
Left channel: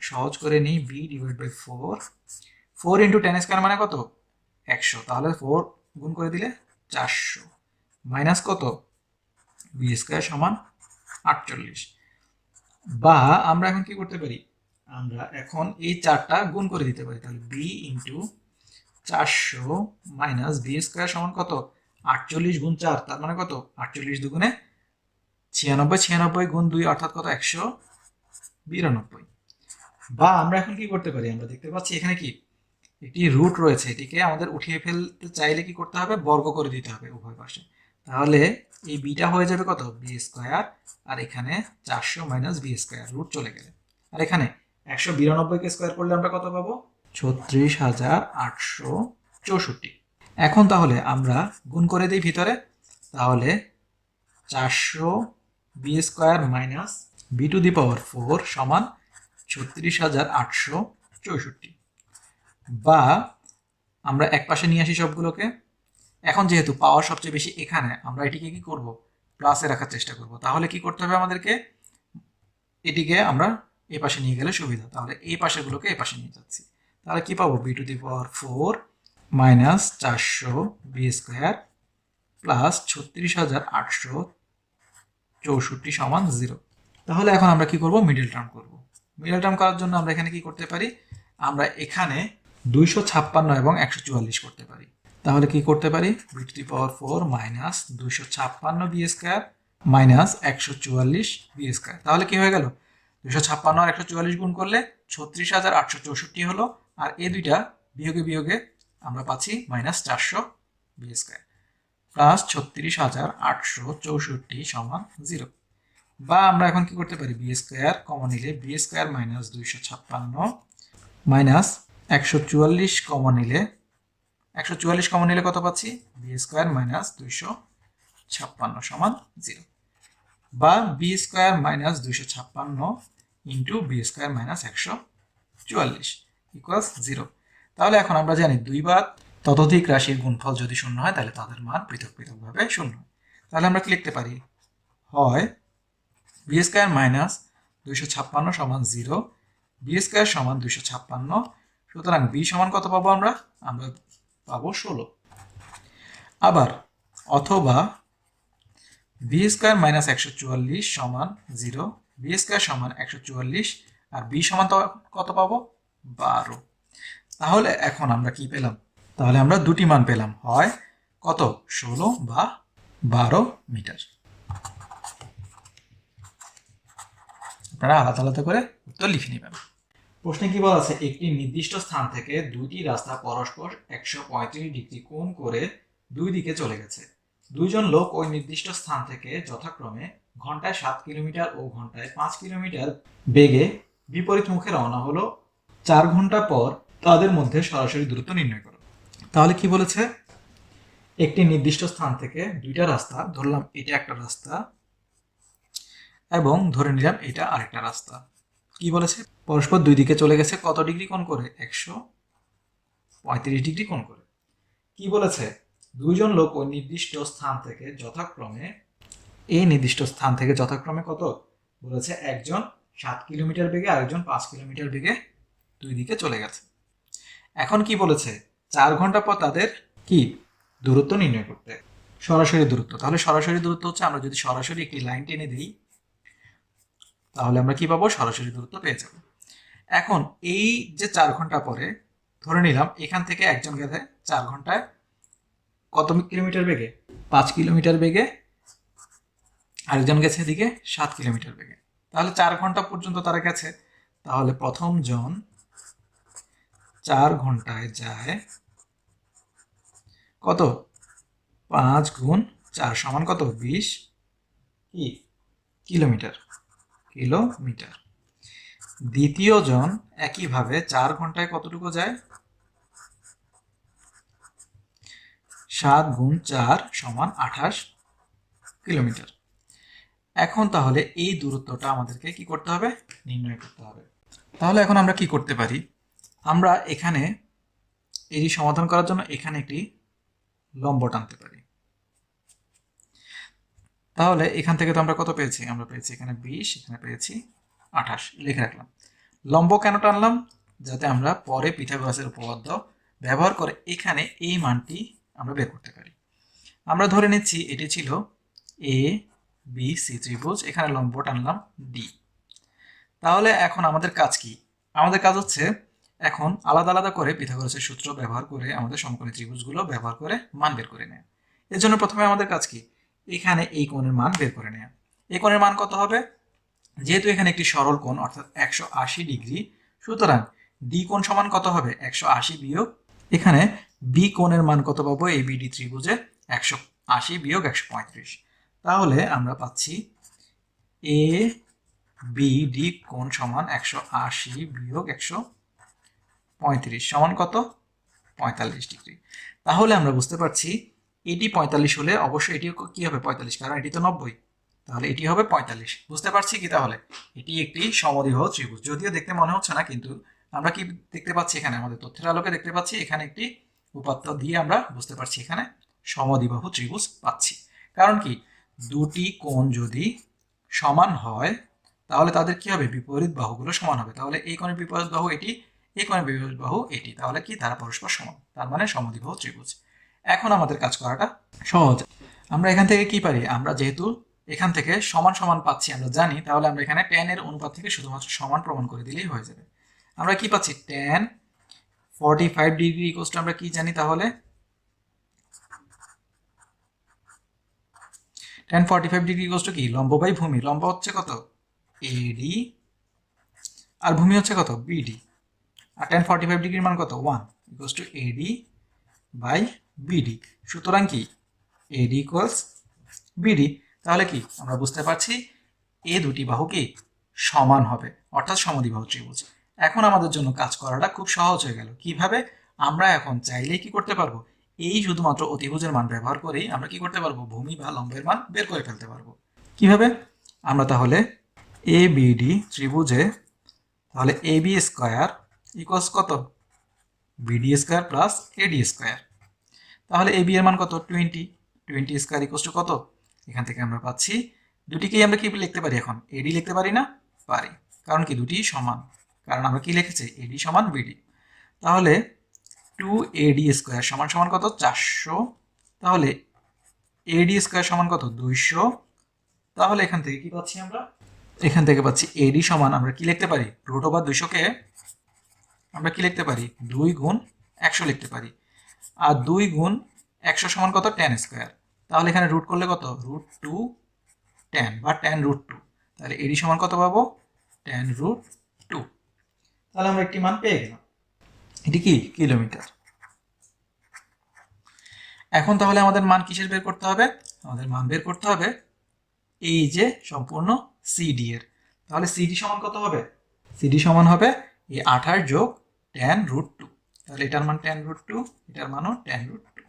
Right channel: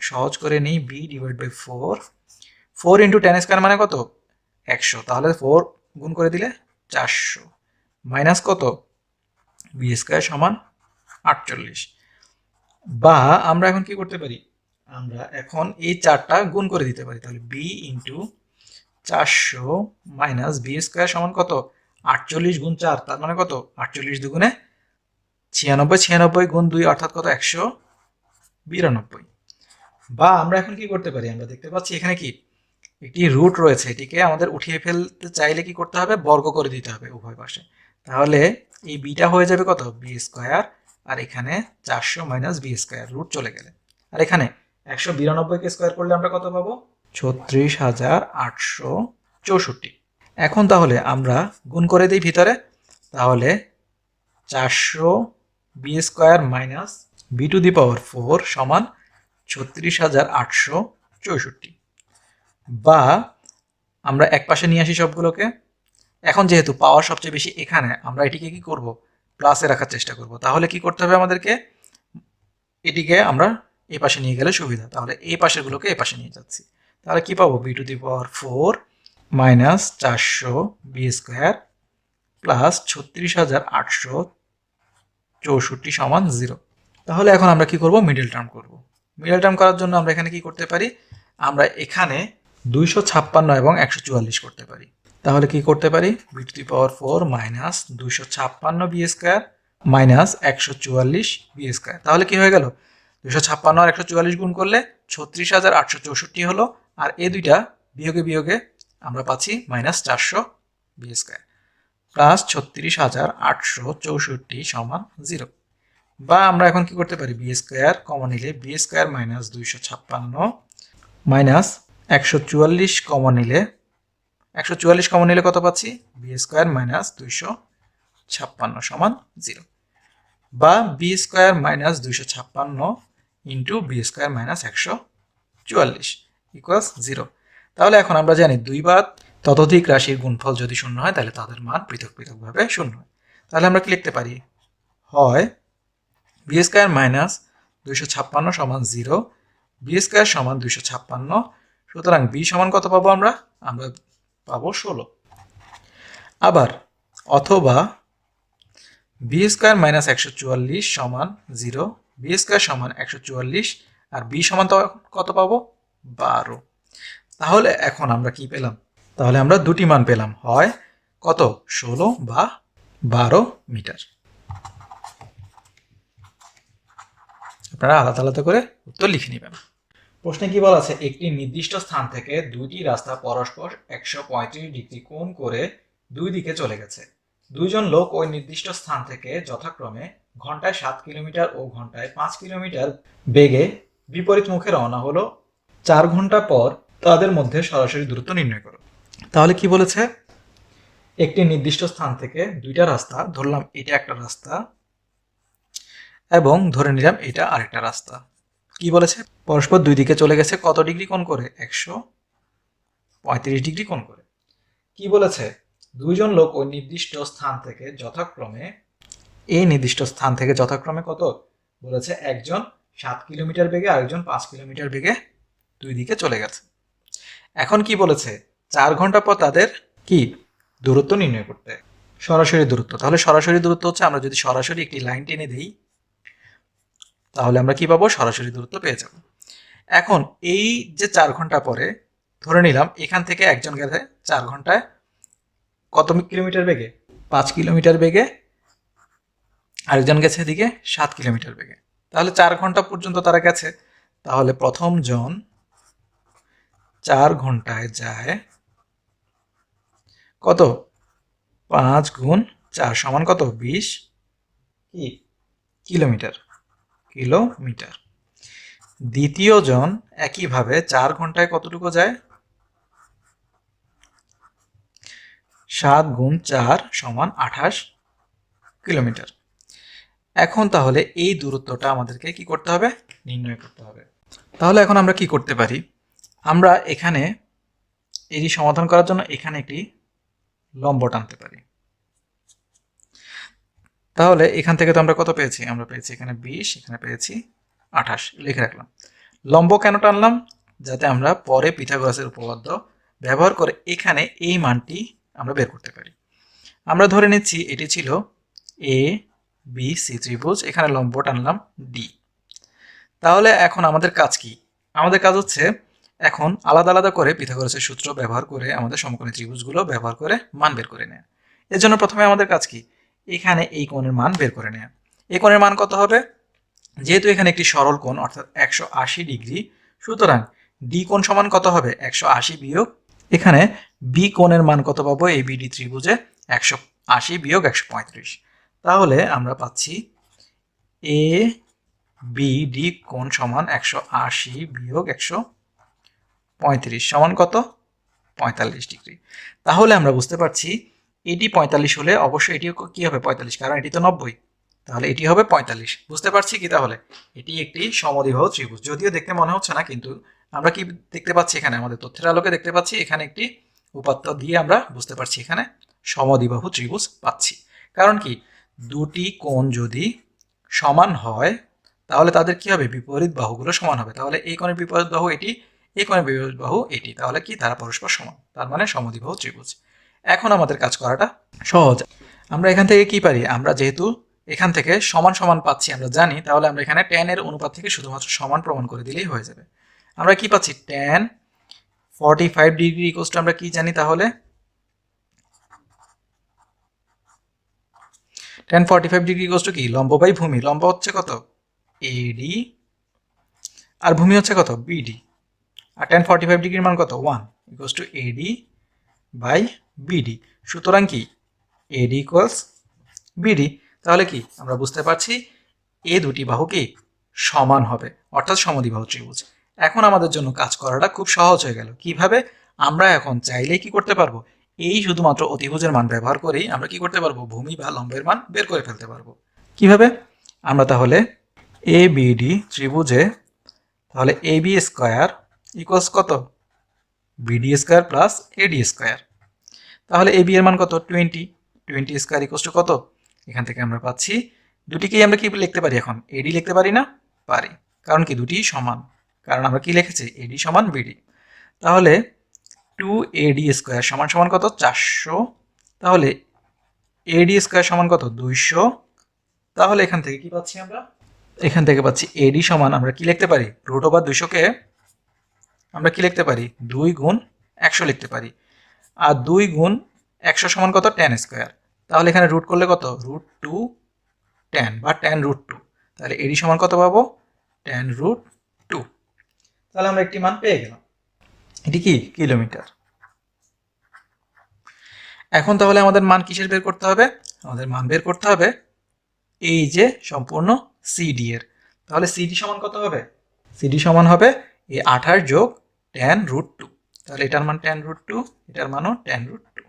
সহজ করে নিই, b divide by 4 into tan square মানে কত 100, তাহলে 4 গুণ করে দিলে 400 মাইনাস কত b স্কোয়ার সমান 48। বা আমরা এখন কি করতে পারি, আমরা এখন এই চারটা গুণ করে দিতে পারি। তাহলে b into 400 minus b square সমান কত 48 গুণ 4, তার মানে কত 48 দুগুণে 96 গুণ 2 অর্থাৎ কত 192। বা আমরা এখন কি করতে পারি, আমরা দেখতে পাচ্ছি এখানে কি একটি রুট রয়েছে, এটিকে আমাদের উঠিয়ে ফেলতে চাইলে কি করতে হবে, বর্গ করে দিতে হবে উভয় পাশে। তাহলে এই বিটা হয়ে যাবে কত বি স্কোয়ার, আর এখানে 400 মাইনাস বি স্কোয়ার, রুট চলে গেলে। আর এখানে 192 কে স্কোয়ার করলে আমরা কত পাবো, 36,864। এখন তাহলে আমরা গুণ করে দিই ভিতরে, তাহলে 400 B square minus B to the power 4 সমান 36,864। বা আমরা এক পাশে নিয়ে আসি সবগুলোকে। এখন যেহেতু পাওয়ার সবচেয়ে বেশি এখানে, আমরা এটিকে কি করব, প্লাসে রাখার চেষ্টা করব। তাহলে কি করতে হবে আমাদেরকে, এটিকে আমরা এ পাশে নিয়ে গেলে সুবিধা, তাহলে এই পাশেরগুলোকে এ পাশে নিয়ে যাচ্ছি। তাহলে কি পাবো, b to the power 4 minus 400 B square plus 36,864 সমান 0। তাহলে এখন আমরা কি করব, মিডল টার্ম করব। মিডল টার্ম করার জন্য আমরা এখানে কি করতে পারি, আমরা এখানে 256 এবং 144 করতে পারি। তাহলে কি করতে পারি, b to the power 4 minus 256 b square minus 144 b square. তাহলে কি হয়ে গেল, 256 আর 144 গুণ করলে 36,864 হলো, আর এই দুইটা বিয়োগে বিয়োগে আমরা পাচ্ছি মাইনাস 400 বি স্কোয়ার প্লাস 36,864 সমান 0। বা আমরা এখন কি করতে পারি, বি স্কোয়ার কমন নিলে b square minus 256 minus 144 common নিলে 144 কমন নিলে কত পাচ্ছি, বি স্কোয়ার মাইনাস 256 সমান 0। বা b square minus 256 into b square minus 144 equals 0। তাহলে এখন আমরা জানি দুই বা ততোধিক রাশির গুণফল যদি শূন্য হয় তাহলে তাদের মান পৃথক পৃথকভাবে শূন্য হয়। তাহলে আমরা কি লিখতে পারি, হয় বি স্কোয়ার মাইনাস 256 সমান 0, বি স্কোয়ার সমান 256। সুতরাং বি সমান কত পাবো আমরা পাবো 16। আবার অথবা বি স্কোয়ার মাইনাস 144 সমান 0, বি স্কোয়ার সমান 144, আর বি সমান তো কত পাবো, 12। তাহলে এখন আমরা কি পেলাম, তাহলে আমরা দুটি মান পেলাম, হয় কত 16 বা 12 মিটার। আপনারা আলাদা আলাদা করে উত্তর লিখে নেবেন। প্রশ্নে কি বলা আছে, একটি নির্দিষ্ট স্থান থেকে দুইটি রাস্তা পরস্পর 135 ডিগ্রি কোণ করে দুই দিকে চলে গেছে। দুইজন লোক ওই নির্দিষ্ট স্থান থেকে যথাক্রমে ঘন্টায় 7 কিলোমিটার ও ঘন্টায় 5 কিলোমিটার বেগে বিপরীত মুখে রওনা হলো। 4 ঘন্টা পর তাদের মধ্যে সরাসরি দূরত্ব নির্ণয় করো। তাহলে কি বলেছে, একটি নির্দিষ্ট স্থান থেকে দুইটা রাস্তা, ধরলাম এটা একটা রাস্তা এবং ধরে নিলাম এটা আরেকটা রাস্তা। কি বলেছে, পরস্পর দুই দিকে চলে গেছে কত ডিগ্রি কোণ করে, 135 ডিগ্রি কোণ করে। কি বলেছে, দুইজন লোক ওই নির্দিষ্ট স্থান থেকে যথাক্রমে, এই নির্দিষ্ট স্থান থেকে যথাক্রমে কত বলেছে, একজন 7 কিলোমিটার বেগে আরেকজন 5 কিলোমিটার বেগে দুই দিকে চলে গেছে। এখন কি বলেছে, 4 ঘন্টা পর তাদের কি দূরত্ব নির্ণয় করতে, সরাসরি দূরত্ব। তাহলে সরাসরি দূরত্ব হচ্ছে, আমরা যদি সরাসরি একটি লাইন টেনে দিই তাহলে আমরা কি পাবো, সরাসরি দূরত্ব পেয়ে যাব। এখন এই যে 4 ঘন্টা পরে ধরে নিলাম এখান থেকে একজন গেছে 4 ঘন্টায় কত কিলোমিটার বেগে, 5 কিলোমিটার বেগে, আরেকজন গেছে এদিকে 7 কিলোমিটার বেগে। তাহলে 4 ঘন্টা পর্যন্ত তারা গেছে। তাহলে প্রথম জন 4 ঘন্টায় যায় কত, 5 গুণ 4 সমান কত, 20 কি কিলোমিটার। দ্বিতীয় জন একইভাবে 4 ঘন্টায় কতটুকু যায়, 7 গুণ 4 সমান 28 কিলোমিটার। এখন তাহলে এই দূরত্বটা আমাদেরকে কি করতে হবে, নির্ণয় করতে হবে। তাহলে এখন আমরা কি করতে পারি, আমরা এখানে এটি সমাধান করার জন্য এখানে একটি লম্ব টানতে পারি। তাহলে এখান থেকে তো আমরা কত পেয়েছি, আমরা পেয়েছি এখানে 20, এখানে পেয়েছি 28, লিখে রাখলাম। লম্ব কেন টানলাম, যাতে আমরা পরে পিথাগোরাসের উপপাদ্য ব্যবহার করে এখানে এই মানটি আমরা বের করতে পারি। আমরা ধরে নিচ্ছি এটি ছিল এ বি সি ত্রিভুজ, এখানে লম্ব টানলাম ডি। তাহলে এখন আমাদের কাজ কি, আমাদের কাজ হচ্ছে এখন আলাদা আলাদা করে পিথাগোরাসের সূত্র ব্যবহার করে আমাদের সমকোণী ত্রিভুজগুলো ব্যবহার করে মান বের করে নেওয়া। এর জন্য প্রথমে আমাদের কাজ কি, এখানে এই কোণের মান বের করে নেওয়া। এই কোণের মান কত হবে? যেহেতু এখানে একটি সরল কোণ অর্থাৎ 180 ডিগ্রি, সুতরাং ডি কোণ সমান কত হবে? 180 বিয়োগ এখানে বি কোণের মান কত পাবো? এই বিডি ত্রিভুজে 180 বিয়োগ 135। তাহলে আমরা পাচ্ছি এ বি ডি কোণ সমান 180 বিয়োগ 135 সমান কত? 45 ডিগ্রি। তাহলে আমরা বুঝতে পারছি এটি 45 হলে অবশ্যই এটিও কি হবে? 45, কারণ এটি তো 90, তাহলে এটি হবে 45। বুঝতে পারছি কি? তাহলে এটি একটি সমদ্বিবাহু ত্রিভুজ। যদিও দেখতে মনে হচ্ছে না, কিন্তু আমরা কি দেখতে পাচ্ছি? এখানে আমাদের তথ্যের আলোকে দেখতে পাচ্ছি এখানে একটি উপাত্ত দিয়ে আমরা বুঝতে পারছি এখানে সমদ্বিবাহু ত্রিভুজ পাচ্ছি। কারণ কি? দুটি কোণ যদি সমান হয় তাহলে তাদের কি হবে? বিপরীত বাহুগুলো সমান হবে। তাহলে এই কোণের বিপরীত বাহু এটি, এই কোণের বিপরীত বাহু এটি, তাহলে কি? তারা পরস্পর সমান, তার মানে সমদ্বিবাহু ত্রিভুজ। এখন আমাদের কাজ করাটা সহজ। আমরা এখান থেকে কি পারি? আমরা যেহেতু এখান থেকে সমান সমান পাচ্ছি আমরা জানি, তাহলে আমরা এখানে tan এর অনুপাত থেকে শুধুমাত্র সমান প্রমাণ করে দিলেই হয়ে যাবে। আমরা কি পাচ্ছি? tan 45 ডিগ্রি ইকুয়ালস টু আমরা কি জানি? তাহলে tan 45 ডিগ্রি ইকুয়ালস টু কি? লম্ব বাই ভূমি। লম্ব হচ্ছে কত? এডি, আর ভূমি হচ্ছে কত? বিডি। আর tan 45 ডিগ্রির মান কত? 1 equals to AD by BD. সুতরাং কি? AD equals BD. তাহলে কি আমরা বুঝতে পারছি এ দুটি বাহু কি সমান হবে, অর্থাৎ সমদ্বিবাহু ত্রিভুজ। এখন আমাদের জন্য কাজ করাটা খুব সহজ হয়ে গেল। কিভাবে? আমরা এখন চাইলেই কি করতে পারবো? এই শুধুমাত্র অতিভুজের মান ব্যবহার করেই আমরা কি করতে পারবো? ভূমি বা লম্বের মান বের করে ফেলতে পারবো। কিভাবে? আমরা তাহলে এ বিডি ত্রিভুজে তাহলে এ বি স্কোয়ার ইকুয়ালস কত? বিডি স্কোয়ার প্লাস এডি স্কোয়ার। তাহলে এ বি এর মান কত? 20 স্কোয়ার ইকুয়ালস টু কত? এখান থেকে আমরা পাচ্ছি দুটিকেই আমরা কি লিখতে পারি? এখন এডি লিখতে পারি না? পারি, কারণ কি? দুটি সমান, কারণ আমরা কি লিখেছি? এডি সমান বিডি। তাহলে 2AD স্কোয়ার সমান সমান কত? 400। তাহলে এডি স্কোয়ার সমান কত? 200। তাহলে এখান থেকে কি পাচ্ছি আমরা? এখান থেকে পাচ্ছি এডি সমান আমরা কি লিখতে পারি? রুট ওভার 200-কে আমরা কি লিখতে পারি? 2 গুণ 100 লিখতে পারি। আর 2 গুণ 100 সমান কত? tan square. তাহলে এখানে রুট করলে কত? রুট 2 tan বা tan রুট 2। তাহলে এডি সমান কত পাবো? tan root 2। তাহলে আমরা একটি মান পেয়ে গেলাম। এটি কি? কিলোমিটার। এখন তাহলে আমাদের মান কিসের বের করতে হবে? আমাদের মান বের করতে হবে এই যে সম্পূর্ণ সিডি এর। তাহলে সিডি সমান কত হবে? সিডি সমান হবে এই 28 যোগ tan রুট 2। তাহলে এটার মান tan রুট 2, এটার মানও tan রুট 2।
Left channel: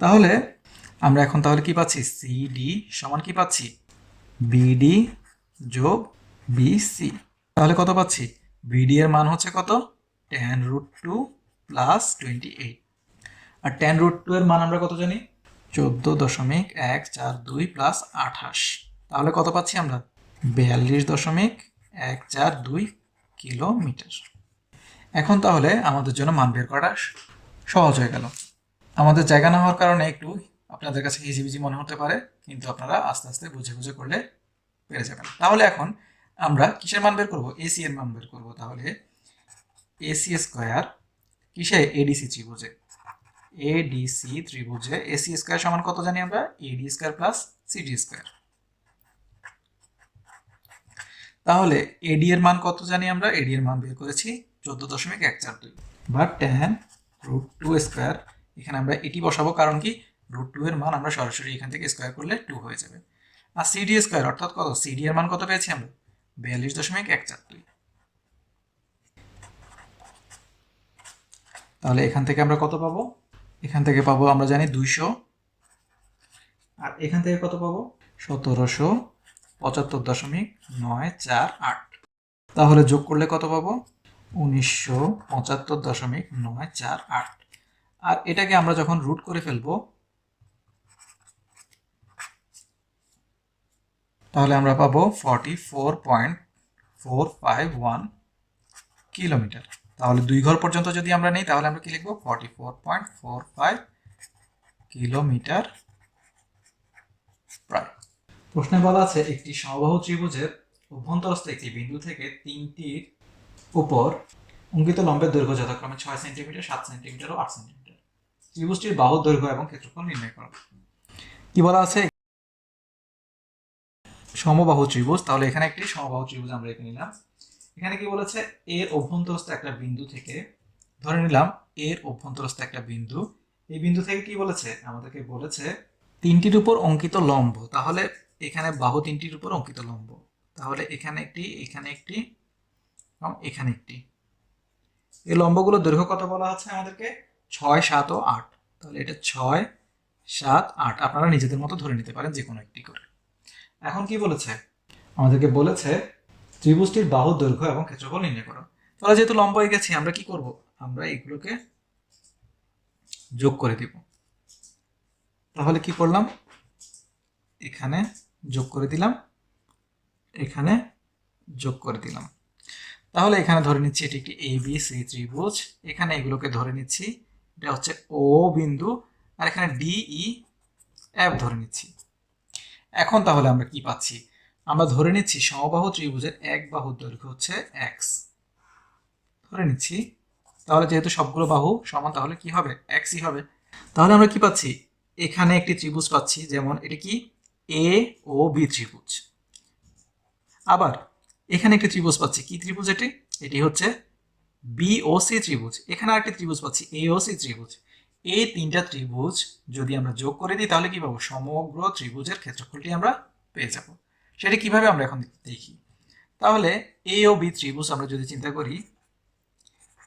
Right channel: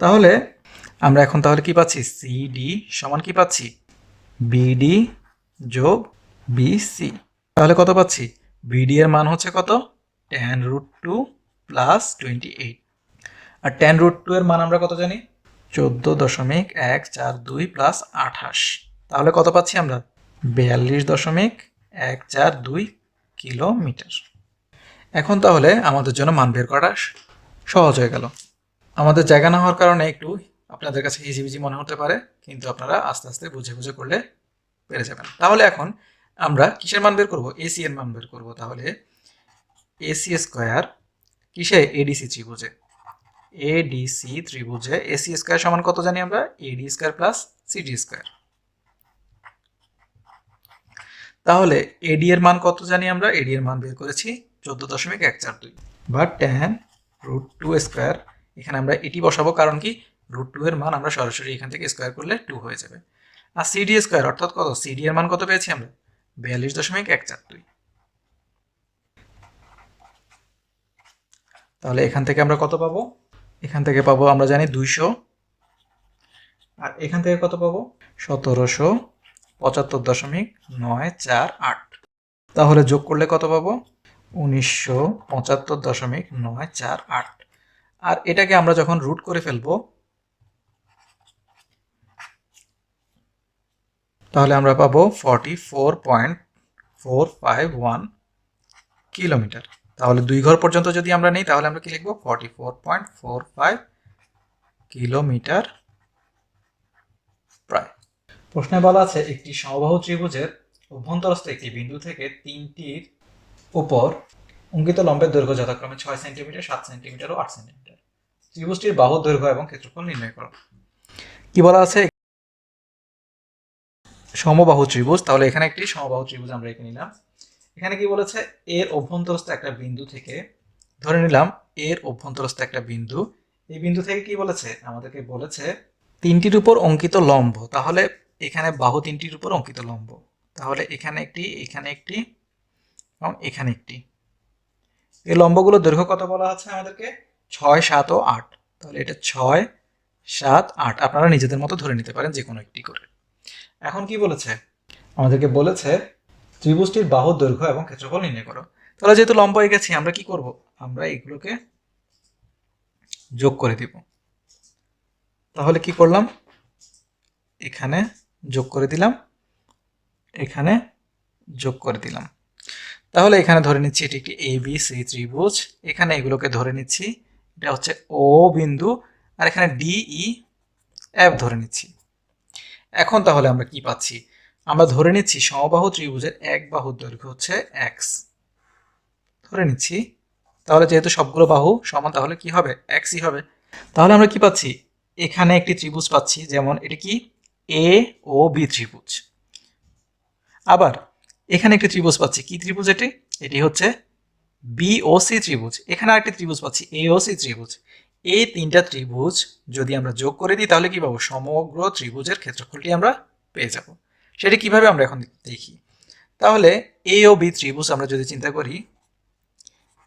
তাহলে আমরা এখন তাহলে কি পাচ্ছি? সিডি সমান কি পাচ্ছি? বিডি যোগ বিসি। তাহলে কত পাচ্ছি? বিডি এর মান হচ্ছে কত? tan root 2 plus 28। আর tan রুট 2 এর মান আমরা কত জানি? 14.142 প্লাস 28। তাহলে কত পাচ্ছি আমরা? 42.142 কিলোমিটার। এখন তাহলে আমাদের জন্য মান বের করা সহজ হয়ে গেল। আমাদের জায়গা না হওয়ার কারণে একটু আপনাদের কাছে হিজিবিজি মনে হতে পারে, কিন্তু আপনারা আস্তে আস্তে বুঝে বুঝে করলে পেরে যাবেন। তাহলে এখন আমরা কিসের মান বের করব? এসি এর মান বের করব। তাহলে এসি স্কোয়ার কিসে? এডিসি ত্রিভুজে। এডিসি ত্রিভুজে এসি স্কোয়ার সমান কত জানি আমরা? এডি স্কোয়ার প্লাস সিডি স্কোয়ার। তাহলে এডি এর মান কত জানি আমরা? এডি এর মান বের করেছি 14.142 বা tan রুট 2 স্কোয়ার। এখানে আমরা এটি বসাবো, কারণ কি? রুট 2 এর মান আমরা সরাসরি এখান থেকে স্কোয়ার করলে 2 হয়ে যাবে। আর সিডি স্কোয়ার অর্থাৎ কত? সিডি এর মান কত পেয়েছি আমরা? 42.142। তাহলে এখান থেকে আমরা কত পাবো? এখান থেকে পাবো আমরা জানি 200, আর এখান থেকে কত পাবো? 1775.948। তাহলে যোগ করলে কত পাবো? 1975.948। আর এটাকে আমরা যখন রুট করে ফেলবো তাহলে আমরা পাবো 44.451 কিলোমিটার। তাহলে 2 ঘর পর্যন্ত যদি আমরা নিই তাহলে আমরা কি লিখবো? 44.45 কিলোমিটার প্রায়। প্রশ্নে বলা আছে একটি সমবাহু ত্রিভুজের অভ্যন্তরস্থ একটি বিন্দু থেকে তিনটির উপর অঙ্কিত লম্বের দৈর্ঘ্য যথাক্রমে 6 সেন্টিমিটার, 7 সেন্টিমিটার ও 8 সেন্টিমিটার। ত্রিভুজটির বাহুর দৈর্ঘ্য এবং ক্ষেত্রফল নির্ণয় করো। কি বলা আছে? সমবাহু ত্রিভুজ, তাহলে এখানে একটি সমবাহু ত্রিভুজ আমরা এঁকে নিলাম। এখানে কি বলেছে, এর অভ্যন্তরস্থ একটা বিন্দু থেকে, ধরে নিলাম এর অভ্যন্তরস্থ একটা বিন্দু, এই বিন্দু থেকে কি বলেছে, আমাদেরকে বলেছে তিনটির উপর অঙ্কিত লম্ব, তাহলে এখানে বাহু তিনটির উপর অঙ্কিত লম্ব, তাহলে এখানে একটি, এখানে একটি এবং এখানে একটি। এই লম্বগুলোর দৈর্ঘ্য কত বলা আছে আমাদেরকে, 6, 7 ও 8। তাহলে এটা 6, 7, 8, আপনারা নিজেদের মতো ধরে নিতে পারেন যে কোনো একটি করে। এখন কি বলেছে, আমাদেরকে বলেছে ত্রিভুজটির বাহুর দৈর্ঘ্য এবং ক্ষেত্রফল নির্ণয় করো। তাহলে যেহেতু লম্ব হয়ে গেছি, আমরা কি করব, আমরা এগুলোকে যোগ করে দিব। তাহলে কি করলাম, এখানে যোগ করে দিলাম, এখানে যোগ করে দিলাম। তাহলে এখানে ধরে নিচ্ছি এটি একটি ABC ত্রিভুজ, এখানে এগুলোকে ধরে নিচ্ছি এটা হচ্ছে O বিন্দু, আর এখানে DEF ধরে নিচ্ছি। এখন তাহলে আমরা কি পাচ্ছি, আমরা ধরে নিচ্ছি সমবাহু ত্রিভুজের এক বাহুর দৈর্ঘ্য হচ্ছে x ধরে নিচ্ছি। তাহলে যেহেতু সবগুলো বাহু সমান, তাহলে কি হবে, xই হবে। তাহলে আমরা কি পাচ্ছি, এখানে একটি ত্রিভুজ পাচ্ছি, যেমন এটা কি AOB ত্রিভুজ। আবার এখানে একটি ত্রিভুজ পাচ্ছি, কি ত্রিভুজ এটি, এটি হচ্ছে BOC ত্রিভুজ। এখানে আরেকটি ত্রিভুজ পাচ্ছি AOC ত্রিভুজ। এই তিনটা ত্রিভুজ যদি আমরা যোগ করে দিই, তাহলে কি পাবো, সমগ্র ত্রিভুজের ক্ষেত্রফলটি আমরা পেয়ে যাব। সেটা কিভাবে আমরা এখন দেখি। তাহলে AOB ত্রিভুজ আমরা যদি চিন্তা করি,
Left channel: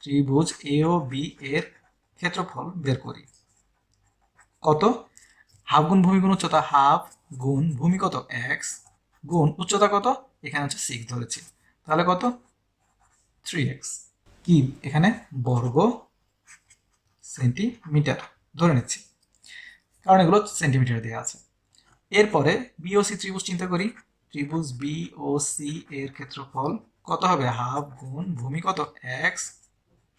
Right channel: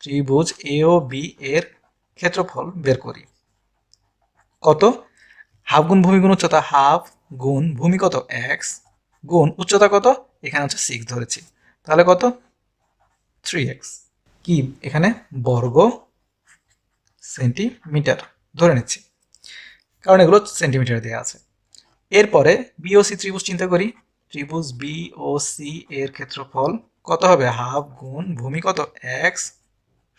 ত্রিভুজ AOB এর ক্ষেত্রফল বের করি, কত, হাফ গুণ ভূমি গুণ উচ্চতা, হাফ গুণ ভূমি কত x গুণ উচ্চতা কত, এখানে হচ্ছে 6 ধরেছি, তাহলে কত 3x, কি এখানে বর্গ সেন্টিমিটার ধরে নিচ্ছি, কারণ এগুলো সেন্টিমিটার দেওয়া আছে। এরপরে বিওসি ত্রিভুজ চিন্তা করি, ত্রিভুজ বিওসি এর ক্ষেত্রফল কত হবে, হাফ গুণ ভূমি কত x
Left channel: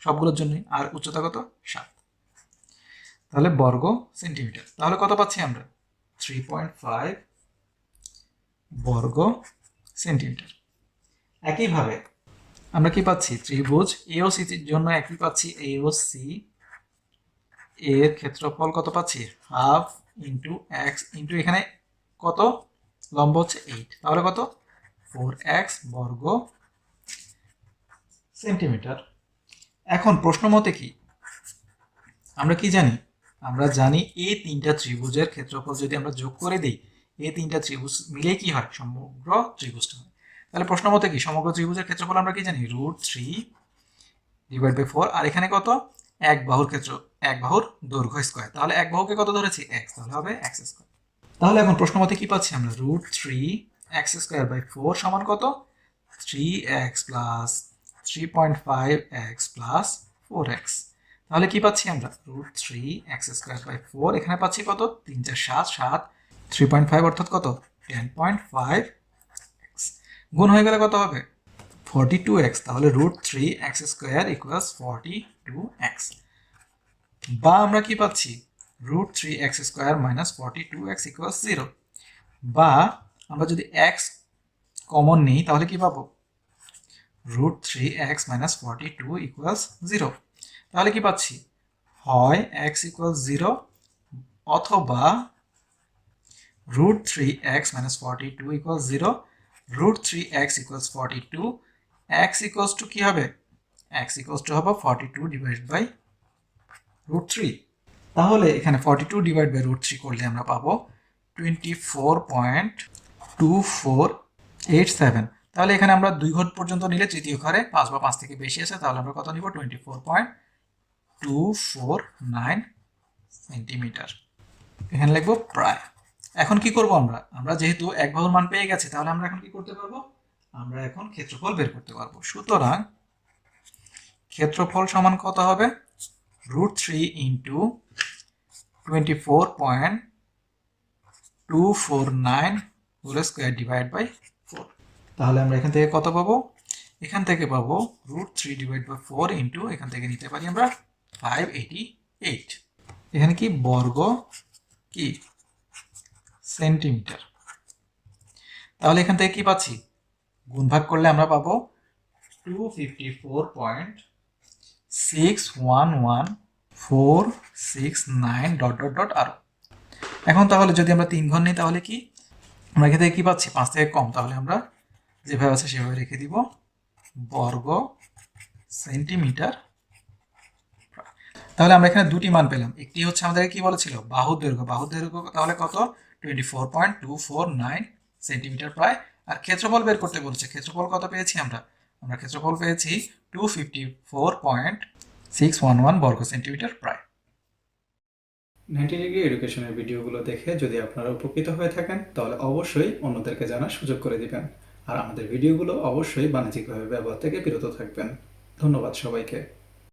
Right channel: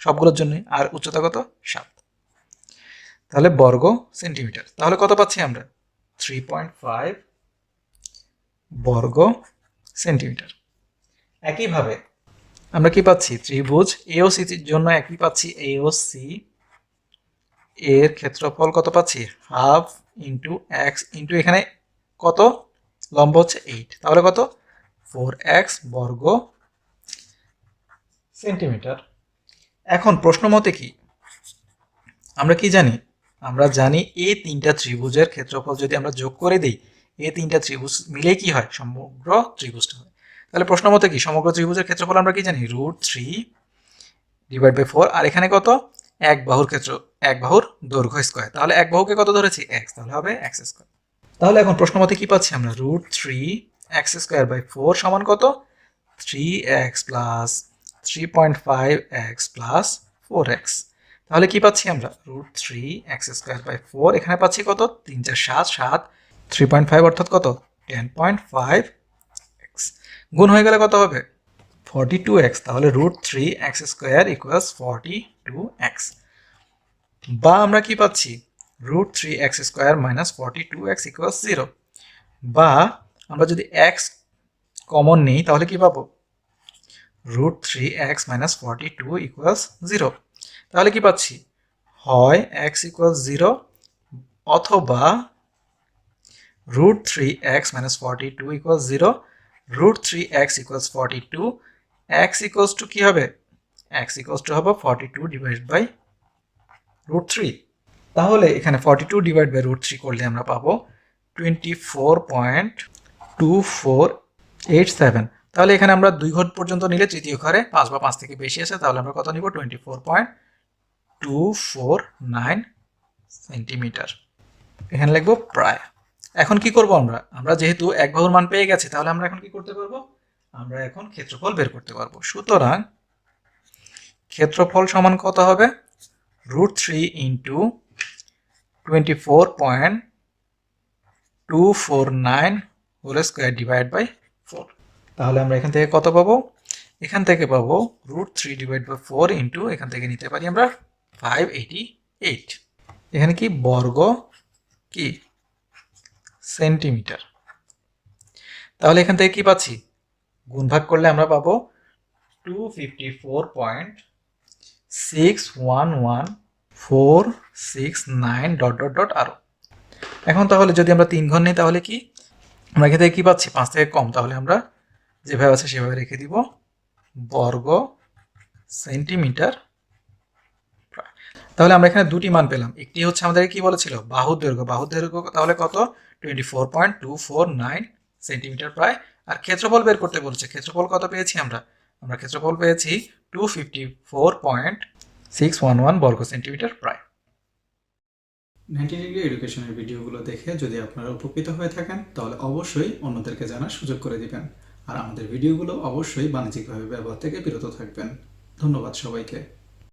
সবগুলোর জন্যই, আর উচ্চতা কত 7, তাহলে বর্গ সেন্টিমিটার। তাহলে কত পাচ্ছি আমরা, 3.5 বর্গ সেন্টিমিটার। একইভাবে আমরা কি পাচ্ছি, ত্রিভুজ AOC এর জন্য একই পাচ্ছি, AOC এর ক্ষেত্রফল কত পাচ্ছি, হাফ ইন্টু x ইন্টু এখানে কত, লম্ব হচ্ছে 8, তাহলে কত 4x বর্গ সেন্টিমিটার। এখন প্রশ্ন মতে কি, আমরা কি জানি, আমরা জানি এই তিনটা ত্রিভুজের ক্ষেত্রফল যদি আমরা যোগ করে দিই, এই তিনটা ত্রিভুজ মিলে কি হয়, সমগ্র ত্রিভুজটা হয়। তাহলে প্রশ্ন মতে কি, সমগ্র ত্রিভুজের ক্ষেত্রফল আমরা কি জানি, √3/4, আর এখানে কত, এক বাহুর এক বাহুর দৈর্ঘ্য স্কয়ার, তাহলে এক বাহুকে কত ধরেছি x, তাহলে হবে x স্কয়ার। তাহলে এখন প্রশ্ন মতে কি পাচ্ছি আমরা, √3x²/4 সমান কত, 3x plus 3.5x plus 4x। তাহলে কি পাচ্ছি আমরা, √3x²/4, এখানে পাচ্ছি কত, 3 4 7 7, 3.5 অর্থাৎ কত 10.5x, গুণ হয়ে গেলে কত হবে 42x, তাহলে √3x² = 42x। বা আমরা কি পাচ্ছি, √3x² - 42x = 0, বা আমরা যদি x কমন নিই তাহলে কি পাবো, √3x - 42 = 0, তাহলে কি পাচ্ছি, হয় x = 0 অথবা √3x - 42 = 0, √3x = 42, x = কি হবে, x = হবে 42/√3। তাহলে এখানে 42/√3 করলে আমরা পাবো 24.2487। তাহলে এখানে আমরা 2 ঘর পর্যন্ত নিলে তৃতীয় ঘরে 5 বা 5 থেকে বেশি আছে, তাহলে আমরা কত নিব, 24.249 সেন্টিমিটার, এখানে লিখবো প্রায়। এখন কি করব, আমরা যেহেতু এক বাহুর মান পেয়ে গেছি, তাহলে আমরা এখন কি করতে পারবো, আমরা এখন ক্ষেত্রফল বের করতে পারবো। সুতরাং ক্ষেত্রফল সমান কত হবে, √3 × 24.249 হোল স্কয়ার /4। তাহলে আমরা এখান থেকে কত পাবো, এখান থেকে পাবো √3/4 ইন্টু এখান থেকে নিতে পারি আমরা 588, এখানে কি বর্গ কি সেন্টিমিটার। তাহলে এখান থেকে কি পাচ্ছি, গুণ ভাগ করলে আমরা পাবো 254.611469 ... এখন তাহলে যদি আমরা 3 ঘর নিই তাহলে কি, আমরা এখান থেকে কি পাচ্ছি? 5 থেকে কম, তাহলে আমরা যেভাবে আছে সেভাবে রেখে দিব, বর্গ সেন্টিমিটার। তাহলে আমরা এখানে দুটি মান পেলাম। একটি হচ্ছে আমাদের কি বলেছিল, বাহুর দৈর্ঘ্য। বাহুর দৈর্ঘ্য তাহলে কত? 24.249 সেন্টিমিটার প্রায়। আর ক্ষেত্রফল বের করতে বলেছে। ক্ষেত্রফল কত পেয়েছি আমরা? আমরা ক্ষেত্রফল পেয়েছি 254.611 বর্গ সেন্টিমিটার প্রায়। 90 ডিগ্রি এডুকেশনের ভিডিওগুলো দেখে যদি আপনারা উপকৃত হয়ে থাকেন তাহলে অবশ্যই অন্যদেরকে জানার সুযোগ করে দিবেন। আর আমাদের ভিডিওগুলো অবশ্যই বাণিজ্যিকভাবে ব্যবহার থেকে বিরত থাকবেন। ধন্যবাদ সবাইকে।